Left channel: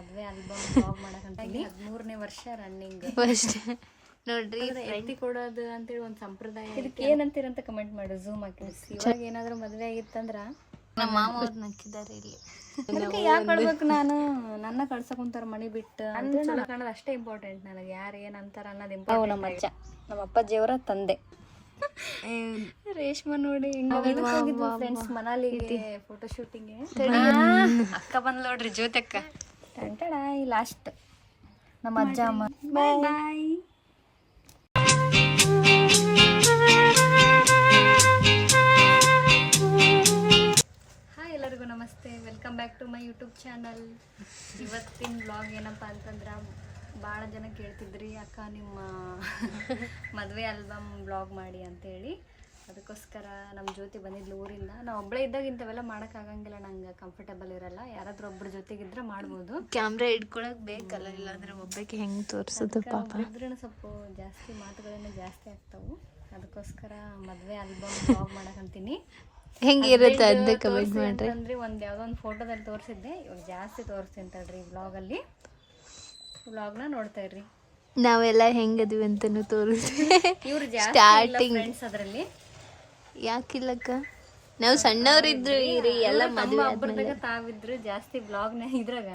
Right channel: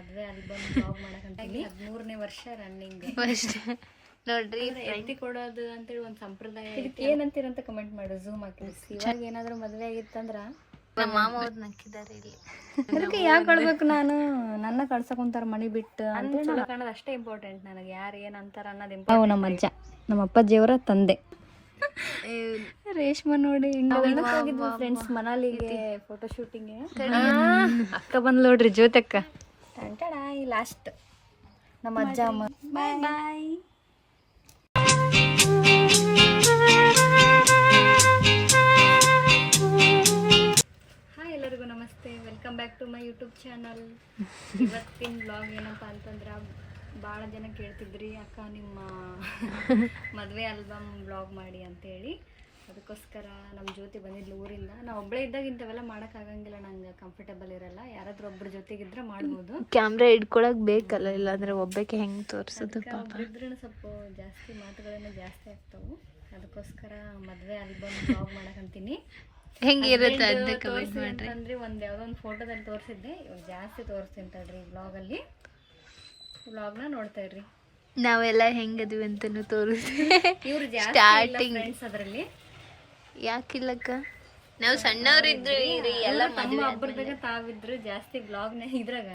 ಮದುವೆ album blog ಮಾಡಕಂತೀನಿ. 13ನೇ ವರ್ಷ running ನೋಡ್ರಿ. ಎತ್ತಿ ಕೊಡೋದು ಅಂತೇಳಿ ಒಂದು ಸಂಪ್ರದಾಯ. ಇದಕ್ಕೆ ಏನಂತೀರಂತ ಕಮೆಂಟ್ ಮಾಡು, ಝೂಮ್ ಹಾಕಿ. ಇವಾಗ ಏನಾದರೂ ಮದುವೆ ಆಗಿತ್ತಂದ್ರ ನಮ್ಮ ಮಾಮ ಅವ್ರು ನಕ್ಕಿದ್ದಾರೆ ಇಲ್ಲಿ. ಯಾಕೆ ಕಳ್ಬೇಕು ನಾನು? ನನ್ನ ಕಳ್ಸಕೊಂತಾರ ಮನೆ ಬಿಟ್ಟು. ಚಲೋ ಕಾಣೋದು ಅಷ್ಟೇ ಇಂಪಾರ್ಟೆಂಟ್ ನನಗೆ. ಯಾರು ಏನಂತಾರ ಅನ್ನೋದು ಇಂಪಾರ್ಟೆಂಟ್. ನಮ್ಮ ಅಜ್ಜ, ನಮ್ಮ ಅಪ್ಪಾಜಿಯವರ ತಂದೆ ರೇಷ್ಮಾ ನೋಡಿ. ಫ್ರೆಂಡ್ಸ್ ಮನಾಲಿಗೆ ಫೋಟೋ ಶೂಟಿಂಗ್. ಅಕ್ಕ ಬಂದ್ ನೋಡ್ರಿ, ಜ್ಯೋತಕ್ಕ ಟಂಟಣ. ಈ ಲಾಸ್ಟ್ ನಮ್ಮ ಅಜ್ಜ ಅಮ್ಮ. ಬಾಯ್ ಬಾಯ್. ಹಾಯ್, ಎಲ್ಲರಿಗೂ ನಮಸ್ತೆ. Welcome back to my YouTube channel. ಇವತ್ತಿನ ಬ್ಲಾಗ್ ಏನಪ್ಪ ಅಂತಂದ್ರೆ, ಭಾಳ ಜನ ಕೇಳ್ತಿದ್ರಿ ಅಕ್ಕ ನಿಮ್ಮ ಮದುವೆ ಆಲ್ಬಮ್ ಬ್ಲಾಗ್ ಮಾಡಿ ಅಂತೇಳಿ. ಅದಕ್ಕೋಸ್ಕರ ನಮ್ಮ ಜ್ಯೋತಿ ಬಂದಿದ್ಲು ಊರಿಂದ. ನಾವು ಒಬ್ಬಳೇ ಇದ್ದಾಗ ಇಂಥವೆಲ್ಲ ಮಾಡೋಕ್ಕಾಗಂಗಿಲ್ಲ, ನಂಗೆ ಕಂಫರ್ಟೇಬಲ್ ಇರಲ್ಲ. ಯಾರಾದ್ರೂ ಒಬ್ಬರ ಜೊತೆಗಿದ್ರೆ ಮಾಡ್ಬೋದು. ಕ್ಯಾಮ್ರಾ ಇಟ್ಕೊಳಕ್ ಬೇಕಲ್ಲ, ಇಲ್ಲಾಂದ್ರೆ ಒಬ್ಬಕ್ಕೆ ಹೆಂಗೆ ತೋರಿಸೋದು? ಇದ್ರೂ ಸ್ವಲ್ಪ ಜಾಸ್ತಿ ಮಾತುಗಳನ್ನ ಜಾಸ್ತಿ ಆಗ್ತಾವು. ಅದಕ್ಕೋಸ್ಕರ ಮದುವೆ ಆಲ್ಬಮ್ ಬ್ಲಾಗ್ ಮಾಡಕಂತೀನಿ. ಹೆಂಗಿರುತ್ತೆ ಅಂತ ಕಮೆಂಟ್ ಮಾಡ್ರಿ. ಅಂತಂದ್ರೆ ಯಾವುದೋ ಒಂದು ಫೋಟೋದಲ್ಲಿ ತೋರಿಸಿದ್ದೆ, ಇವಾಗ ಜಾಸ್ತಿ ತೋರಿಸ್ತೀನಿ ತಡ್ರಿ ಬ್ಲಾಗಲ್ಲಿ. ವ್ಲಾಗ್ನ ನೋಡ್ತಾ ಇರ್ರಿ. ನಾವೆಲ್ಲ ಹೆಂಗದ್ವಿ ಅಂತನೂ ತೋರಿಸ್ತೀವಿ. ಇವ್ರು ಜಾಸ್ತಿ ಫ್ರೆಂಡ್ಸ್ ಅದರಲ್ಲಿ. ಯಾಕಿಲ್ಲಕ್ಕ, ನಾವು ಸಣ್ಣವರಿದ್ರು ಎಲ್ಲ ತಮ್ಮ ಒಬ್ಬರದಾಗ ತಾವಿದ್ರು. ಜಾಸ್ತಿ ಬ್ಲಾಗ್ನ ಇದ್ರಾಗ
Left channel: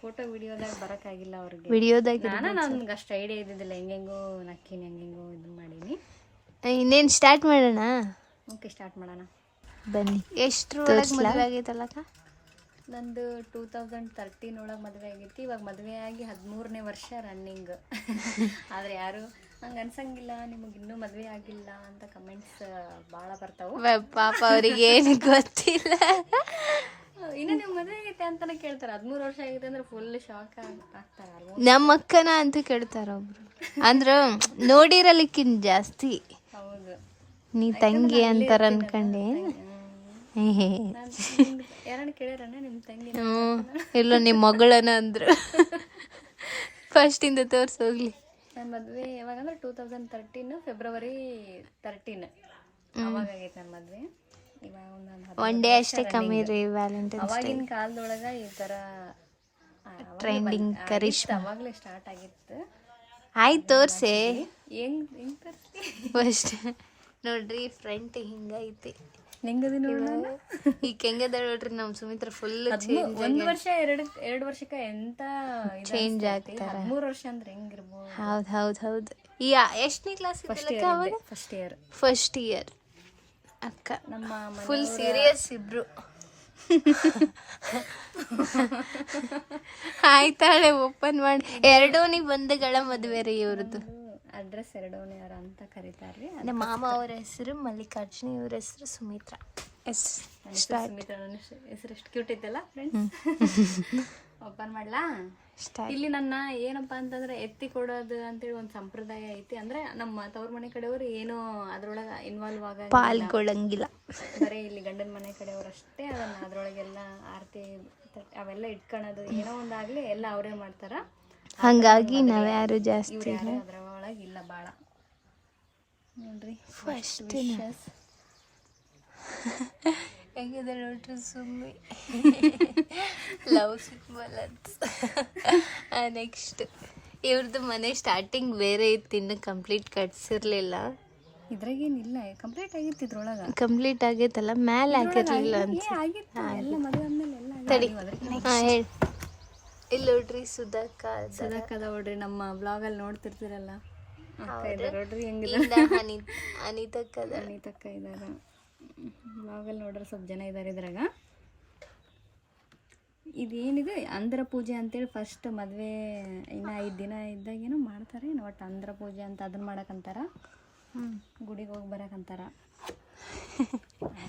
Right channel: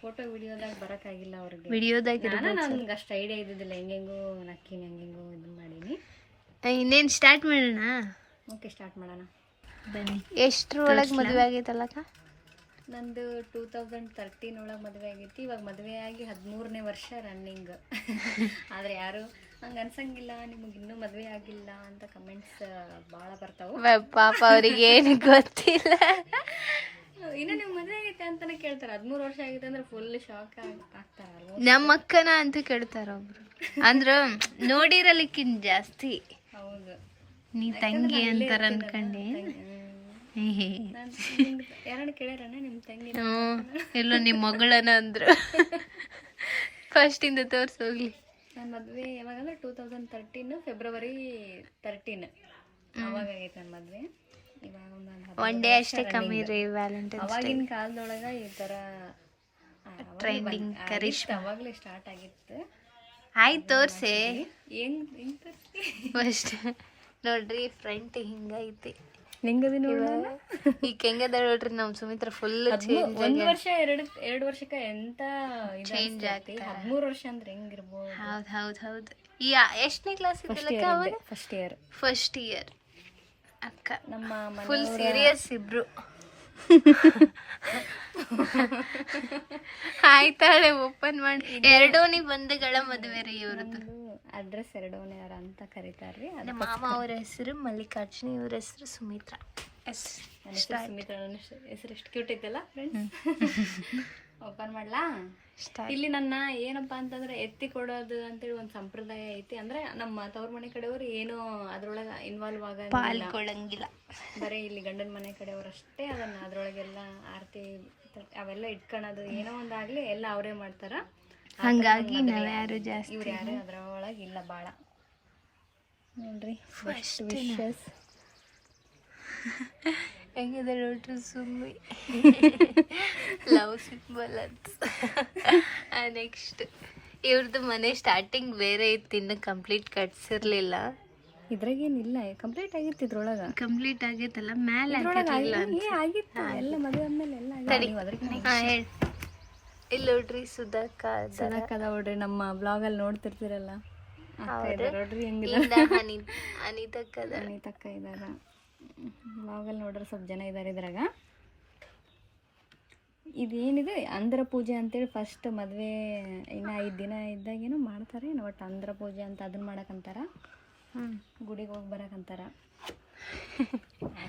ಫೋಟೋ ವಿಡಿಯೋದಾಗ ಬರೋಕ್ಕಾಗಿಲ್ಲ ಅವ್ರಿಗೆ. ವಿಡಿಯೋದಾಗ ನನ್ಗೆ ಅಷ್ಟು ಐಡಿಯಾ ಇದ್ದಿದ್ದಿಲ್ಲ. ಹೆಂಗೆಂಗೋ ನಕ್ಕಿನ ಹೆಂಗೆಂಗೋ ಇದನ್ನ ಮಾಡೀನಿ. ಇನ್ನೇನು ಸ್ಟಾರ್ಟ್ ಮಾಡೋಣ? ಓಕೆ, ಸ್ಟಾರ್ಟ್ ಮಾಡೋಣ ಬನ್ನಿ. ಎಷ್ಟರ ಒಳಗೆ ಮದುವೆ ಆಗೈತಲ್ಲಕ್ಕ? ನಂದು 2013 ಒಳಗೆ ಮದುವೆ ಆಗೈತಿ. ಇವಾಗ ಮದುವೆ ಆಗಿ 13ನೇ ವರ್ಷ ರನ್ನಿಂಗ್. ಆದರೆ ಯಾರು ಹಂಗೆ ಅನ್ಸಂಗಿಲ್ಲ, ನಿಮಗೆ ಇನ್ನೂ ಮದುವೆ ಆಗಿಲ್ಲ ಅಂತ ಕಮೆಂಟ್ಸ್ ಭಾಳ ಬರ್ತಾವೆ. ಪಾಪ ಅವ್ರಿಗೆ ಏನು ಗೊತ್ತಿಲ್ಲ. ಇನ್ನು ನೀವು ಮದುವೆ ಆಗೈತೆ ಅಂತಾನೆ ಕೇಳ್ತಾರೆ. 13 ವರ್ಷ ಆಗೈತೆ ಅಂದ್ರೆ ಫುಲ್ ಶಾಕ್ ಆಗ್ತಾರೆ. ನಮ್ಮ ಅಕ್ಕನ ಅಂತ ಕೇಳ್ತಾರ ಒಬ್ರು. ಅಂದ್ರೆ ನೋಡಿರಲಿಕ್ಕಿಂತ ಜಾಸ್ತಿ ಹೌದು, ನೀ ತಂಗಿ ಅಂತಾರ ಅನ್ಕಂಡೆ. ಯಾರನ್ನ ಕೇಳ್ಯಾರಣ್ಣ ನಿಮ್ಮ ತಂಗಿ? ಇಲ್ಲ, ನಿಮ್ಮ ಮಗಳನ ಅಂದ್ರು. ಫಸ್ಟಿಂದ ತೋರ್ಸೋಗ್ಲಿ. ನನ್ನ ಮದುವೆ ಯಾವಾಗಂದ್ರೆ 2013 ಫೆಬ್ರವರಿ 13 ಅವಾಗ ಆಗೈತೆ ನನ್ನ ಮದುವೆ. ಇವಾಗ ಒನ್ ಡೇ ಅಷ್ಟೇ ಕಮ್ಮಿ ರೀ ವ್ಯಾಲೆಂಟೈನ್ಸ್. ಅವಾಗಿನ ಕಾಲದೊಳಗೆ ಈ ಥರ ಟ್ರೆಂಡಿಂಗ್ ಕರಿಷ್ಮಾ ಅವಾಗಲೇ ಸ್ಟಾರ್ಟ್ ಆಗಿತ್ತು. ಆಯ್ತು ತೋರ್ಸೆ. ಹೆಂಗೆ ತೋರಿಸ್ತಿ? ಫಸ್ಟ್ ನೋಡ್ರಿ, ಫ್ರಂಟ್ ಹಿಂಗೈತಿ. ಹೆಂಗದಿ ಈಗ ಹೆಂಗದ ನೋಡ್ರಿ ನಮ್ಮ ಸುಮಿತ್ರ. ಫುಲ್ ಒಂದು ವರ್ಷ ಎರಡು ವರ್ಷಕ್ಕೆ ಎಂತ ಚೇಂಜ್ ಆಗ್ತಾರೆ. 13 ವರ್ಷ ಅಂದ್ರೆ ಹೆಂಗಿರ್ಬೋದು? ಹೌದು ಹೌದು ಹೌದು. ಈ ಎಷ್ಟನೇ ಕ್ಲಾಸ್ ಇದ್ದಲ್ಲಕ್ಕ ಅವಾಗ? ಫಸ್ಟ್ ಇಯರ್ ಅಕ್ಕ. ನಮ್ಮ ಫುಲ್ ಸೀರಿಯಸ್ ಇಬ್ರು. ಆಯ್ತಾಳೆ, ಓಪನ್ ಮಾಡಿ. ಎರಡೋನಿ ಬಂಧುಗಳ ಮದುವೆ ರೀ ಇವ್ರದ್ದು. ಅಡ್ರೆಸ್ ಎರಡೋನೆಯರ ಅಂತ ಕರೀತಾರ್ರಿ. ನಮ್ಮ ಮಾಮ ಅವ್ರ ಹೆಸರು ಮಲ್ಲಿಕಾರ್ಜುನಿ, ಇವ್ರ ಹೆಸರು ಸುಮಿತ್ರಾ. ಸುಮಿತ್ರಾ. ನನ್ನ ಹೆಸರು ಎಷ್ಟು ಕ್ಯೂಟ್ ಐತಲ್ಲ ಫ್ರೆಂಡ್ಸ್. ಓಪನ್ ಮಾಡ್ಲಾ? ಇಲ್ಲಿ ನನ್ನ ಏನಪ್ಪಾ ಅಂತಂದ್ರೆ ಎತ್ತಿ ಕೊಡೋದು ಅಂತೇಳಿ ಒಂದು ಸಂಪ್ರದಾಯ ಐತಿ. ಅಂದ್ರೆ ನಮ್ಮ ತವ್ರ ಮನೆ ಕಡೆಯವರು ಏನೋ ಅದ್ರೊಳಗೆ ಇನ್ವಾಲ್ವ್ ಪಾಲ್ಗೊಳ್ಳಂಗಿಲ್ಲ. ಬರೀ ಇಲ್ಲಿ ಗಂಡನ ಮನೆ ಕಡೆಯವರು ಅಷ್ಟೇ ಅದನ್ನ ಅದ್ರೊಳಗೆಲ್ಲ ಆರತಿ ಅವೆಲ್ಲ ಇಟ್ಕೊಳೋದು ಏನೋ ಒಂದಾಗ್ಲಿ ಎಲ್ಲ ಅವರೇ ಮಾಡ್ತಾರ. ಹಂಗಾಗಿ ನಾವ್ ಯಾರು ಜಾಸ್ತಿ ಇವ್ರು ಯಾರು ಅದ್ರೊಳಗೆ ಇಲ್ಲ ಭಾಳ. ನೋಡ್ರಿ ಫಸ್ಟ್ ಹೆಂಗಿದೆ ನೋಡ್ರಿ ಸುಮ್ಮಿ. ಲವ್ ಸಿಂಬಲ್ ಅಂತ. ನೆಕ್ಸ್ಟ್ ಇವ್ರದ್ದು ಮನೆ ಸ್ಟಾರ್ಟಿಂಗ್ ಬೇರೆ ಇತ್ತು, ಇನ್ನು ಕಂಪ್ಲೀಟ್ ಕಟ್ಸಿರ್ಲಿಲ್ಲ. ಇದ್ರಾಗೇನಿಲ್ಲ, ಕಂಪ್ಲೀಟ್ ಆಗಿತ್ತು. ಇದ್ರೊಳಗೆ ಕಂಪ್ಲೀಟ್ ಆಗೈತಲ್ಲ, ಮ್ಯಾಲೆ ಹಾಕಿರ್ಲಿಲ್ಲ ಅಂತ. ತಡಿ, ಹಾಂ ಹೇಳಿ. ಇಲ್ಲಿ ನೋಡ್ರಿ ಸುಧಾಕ ನೋಡ್ರಿ, ನಮ್ಮ ಬ್ಲಾಗಲ್ಲಿ ನೋಡ್ತಿರ್ತೀರಲ್ಲ. ಅನಿತಕ್ಕ ಇದಾರ ಬ್ಲಾಗಲ್ಲಿ ನೋಡ್ರಿ. ಸ್ವಲ್ಪ ಜನ ಇದ್ದಾರೆ ಇದ್ರಾಗ. ಇದೇನಿದೆ ಅಂದ್ರ ಪೂಜೆ ಅಂತೇಳಿ ಫಸ್ಟ್ ಮದುವೆ ಇನ್ನು 5 ದಿನ ಇದ್ದಾಗೇನೋ ಮಾಡ್ತಾರೆ. ಒಟ್ಟು ಅಂದ್ರ ಪೂಜೆ ಅಂತ ಅದನ್ನ ಮಾಡಕ್ಕಂತಾರ. ಗುಡಿಗೆ ಹೋಗಿ ಬರಕ್ಕಂತಾರ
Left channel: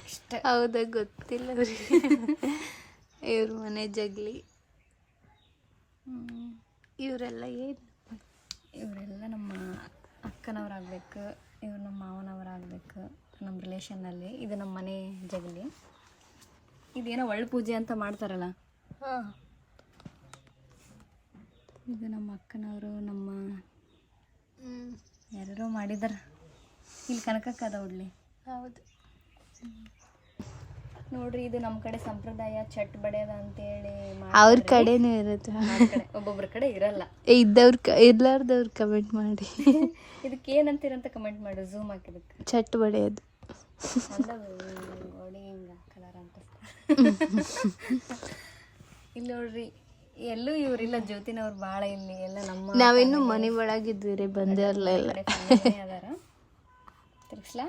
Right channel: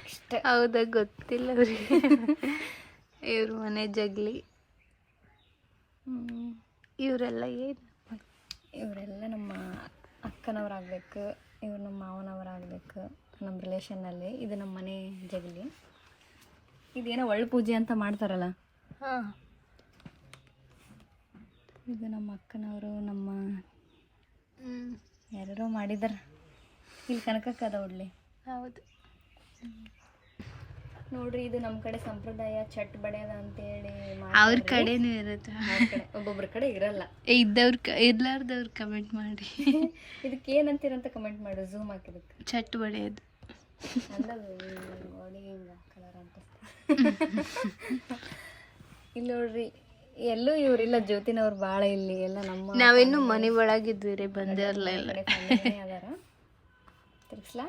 ಅಷ್ಟೇ. ಹೌದಾ? ಗೊತ್ತಿಲ್ಲ ಅವ್ರಿಗೆ. ಇವ್ರ ಮನೆ ಜಗ್ಲಿ. ಇವರೆಲ್ಲ ಏನು? ಇವರೆಲ್ಲ ನಮ್ಮ ಅಕ್ಕನವರಾಗಬೇಕು, ಇವ್ರು ನಮ್ಮ ಮಾವನವರಾಗಬೇಕು ನಮ್ಮ ರಿಲೇಷನ್ನಲ್ಲಿ. ಇದು ನಮ್ಮ ಮನೆ ಜಗಲಿ. ಇದೇನೋ ಒಳ್ಳೆ ಪೂಜೆ ಅಂತ ಮಾಡ್ತಾರಲ್ಲ, ಇದು ನಮ್ಮ ಅಕ್ಕನವರು. ನಮ್ಮ ಯಾರೋ ಮಾಡಿದಾರ. ಇಲ್ಲಿ ಕನಕಕ್ಕ ಅದ ಉಡ್ಲಿ. ಹೌದು. ನೋಡ್ರಿ ಇದು ನಮ್ಮ ಕಡೆ ಸಂಪ್ರದಾಯ ಚಟ್ ಬಡಿಯೋದ ಅಂತೇಳಿ ಅವ್ರ ಕಡೆನೂ ಇರುತ್ತೆ, ಒಬ್ಬೊಬ್ರ ಕಡೆ ಇರಲ್ಲ. ಇರ್ಲಾರ್ದವ್ರು ಕಮೆಂಟ್ ಮಾಡಿ. ಇದಕ್ಕೆ ಏನಂತೀರಂತ ಕಮೆಂಟ್ ಮಾಡು, ಝೂಮ್ ಹಾಕಿದಕ್ಕೆ. ಚಟ್ ಬಡಿಯೋದು ಅಂದ ಗೋಡಿ ಹಿಂಗ ಕಲರ್ ಅಂತ. ಇಲ್ಲಿ ನೋಡ್ರಿ ಎಲ್ಲೂ ಇವ್ರಿಲ್ಲ, ಜ್ಯೋತಿನವ್ರು ಭಾಳ ಇಲ್ಲಿ ಎಲ್ಲ ನಮ್ಮ ನಾವಿನ್ನು ಮನೆ ಒಳಗಿದ್ವಿ ರೀ, ಬಂದಿರಲ್ಲ ಎಲ್ಲ. ಅದಾರ ತಿರ್ಗ್ಸ್ಲಾ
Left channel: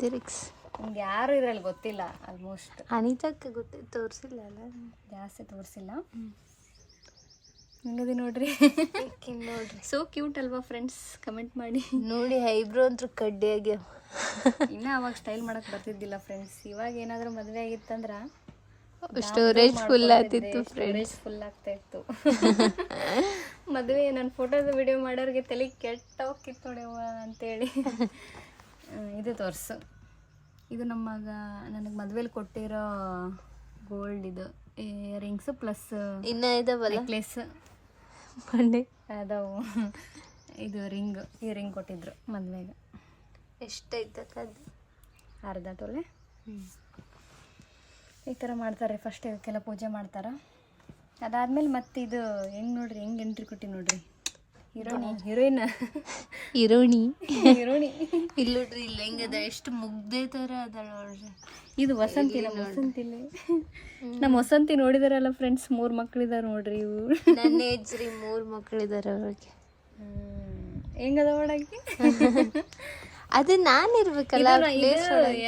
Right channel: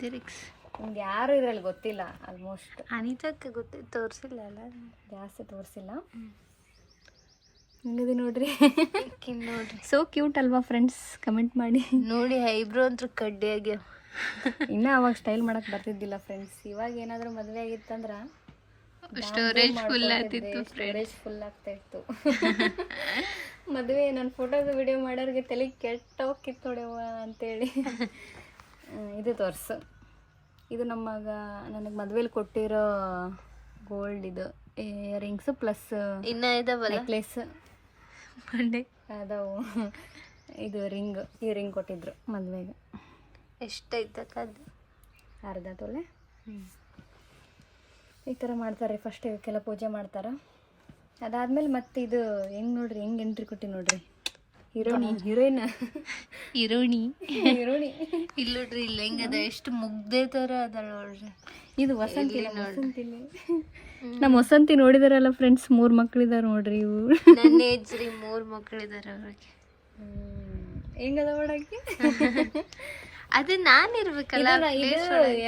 ತಿರುಗ್ಸ್. ನಿಮ್ಗೆ ಯಾರು ಇದ್ರಲ್ಲಿ ಗೊತ್ತಿಲ್ಲ ಆಲ್ಮೋಸ್ಟ್. ಅನಿತಕ್ಕೆ ತೋರಿಸಿಲ್ಲ ಅಲ್ಲ, ಜಾಸ್ತಿ ತೋರಿಸಿಲ್ಲ. ಹಿಂಗದಿ ನೋಡ್ರಿ ನೋಡ್ರಿ ಸೋ ಕ್ಯೂಟ್ ಅಲ್ವಾ ಫ್ರೆಂಡ್ಸ್? ಕಮೆಂಟ್ ಮಾಡಿ. ನೋಡಿ ಐಬ್ರೋ ಅಂತೂ ಕಡ್ಡಿ ಆಗ್ಯಾವ. ಇನ್ನ ಅವಾಗ ಸ್ಟೈಲ್ ಮಾಡಕ್ ಬರ್ತಿದ್ದಿಲ್ಲ ಫ್ರೆಂಡ್ಸ್. ಇವಾಗ ಏನಾದ್ರು ಮದ್ವೆ ಆಗಿತ್ತಂದ್ರ ಸ್ಟೋರೇಜ್ ಫುಲ್ ಆಗ್ತಿತ್ತು, ಸ್ಟೋರೇಜ್ ಫುಲ್ ಆಗ್ತಾ ಇತ್ತು. ಮದುವೆ ನನ್ನ ಫೋಟೋದ ವಿಡಿಯೋ ಮಾಡೋರಿಗೆ ತಲೆ ಕೆಟ್ಟ ಹೋಗಿತ್ತು ನೋಡ್ಯವ್ವ ಅಂತೇಳಿ. ಇದು ತೋರಿಸು, ಇದು ನಮ್ಮಗ ನನಗೆ ಮದ್ವೆಲಿ ಕೊಟ್ಟಿರೋ ಗೋಲ್ಡ್ ಇದು ಇಯರಿಂಗ್ಸ್ ಪ್ಲಸ್ ಇನ್ನ ಇದಾವಲ್ಲ ನೆಕ್ಲೆಸ್ ಬಂಡೆ ಅದಾವು. ಇದು ಈ ರಿಂಗ್ ಕೊಟ್ಟಿದ್ರು ಮದುವೆಗೆ. ಎಷ್ಟೈತಕ್ಕ ಅದು? ಅರ್ಧ ತೊಲೆ. ಈ ಥರ ಮಾಡ್ತಾರೆ ಫಸ್ಟ್. ಇದಕ್ಕೆಲ್ಲ ಪೂಜೆ ಮಾಡ್ತಾರೆ. ಅದಾದ್ಮೇಲೆ ಮತ್ತೆ ಇದು ಹೆಂಗೆ ನೋಡ್ರಿ, ಹೆಂಗೆ ಎಂಟ್ರಿ ಕೊಟ್ಟಿ ನೋಡ್ರಿ. ಹೀರೋಣಿ ಇಲ್ಲ ನೋಡ್ರಿ, ಇಲ್ಲ ಹೆಂಗದ, ಎಷ್ಟು ಮುಗ್ದೆ ಥರ ಅದ ನೋಡ್ರಿ. ಇದು ವಸಂತಿ ನಮ್ಮ ವಸಂತಿ ನೋಡಿದಾರಲ್ಲ ಫ್ರೆಂಡ್ಸ್, 3 ಮಕ್ಳಿದಾರ ನೋಡ್ರಿ. ಇವು ನನ್ನ ಏಜ್ ರೀ, 3 ಮಕ್ಳಿದಾರ ಅವ್ರಿಗೆ. ಹೆಂಗದ ಒಳಗೆ ಅದು ನಾನು ಇರ್ಬೇಕಲ್ಲ.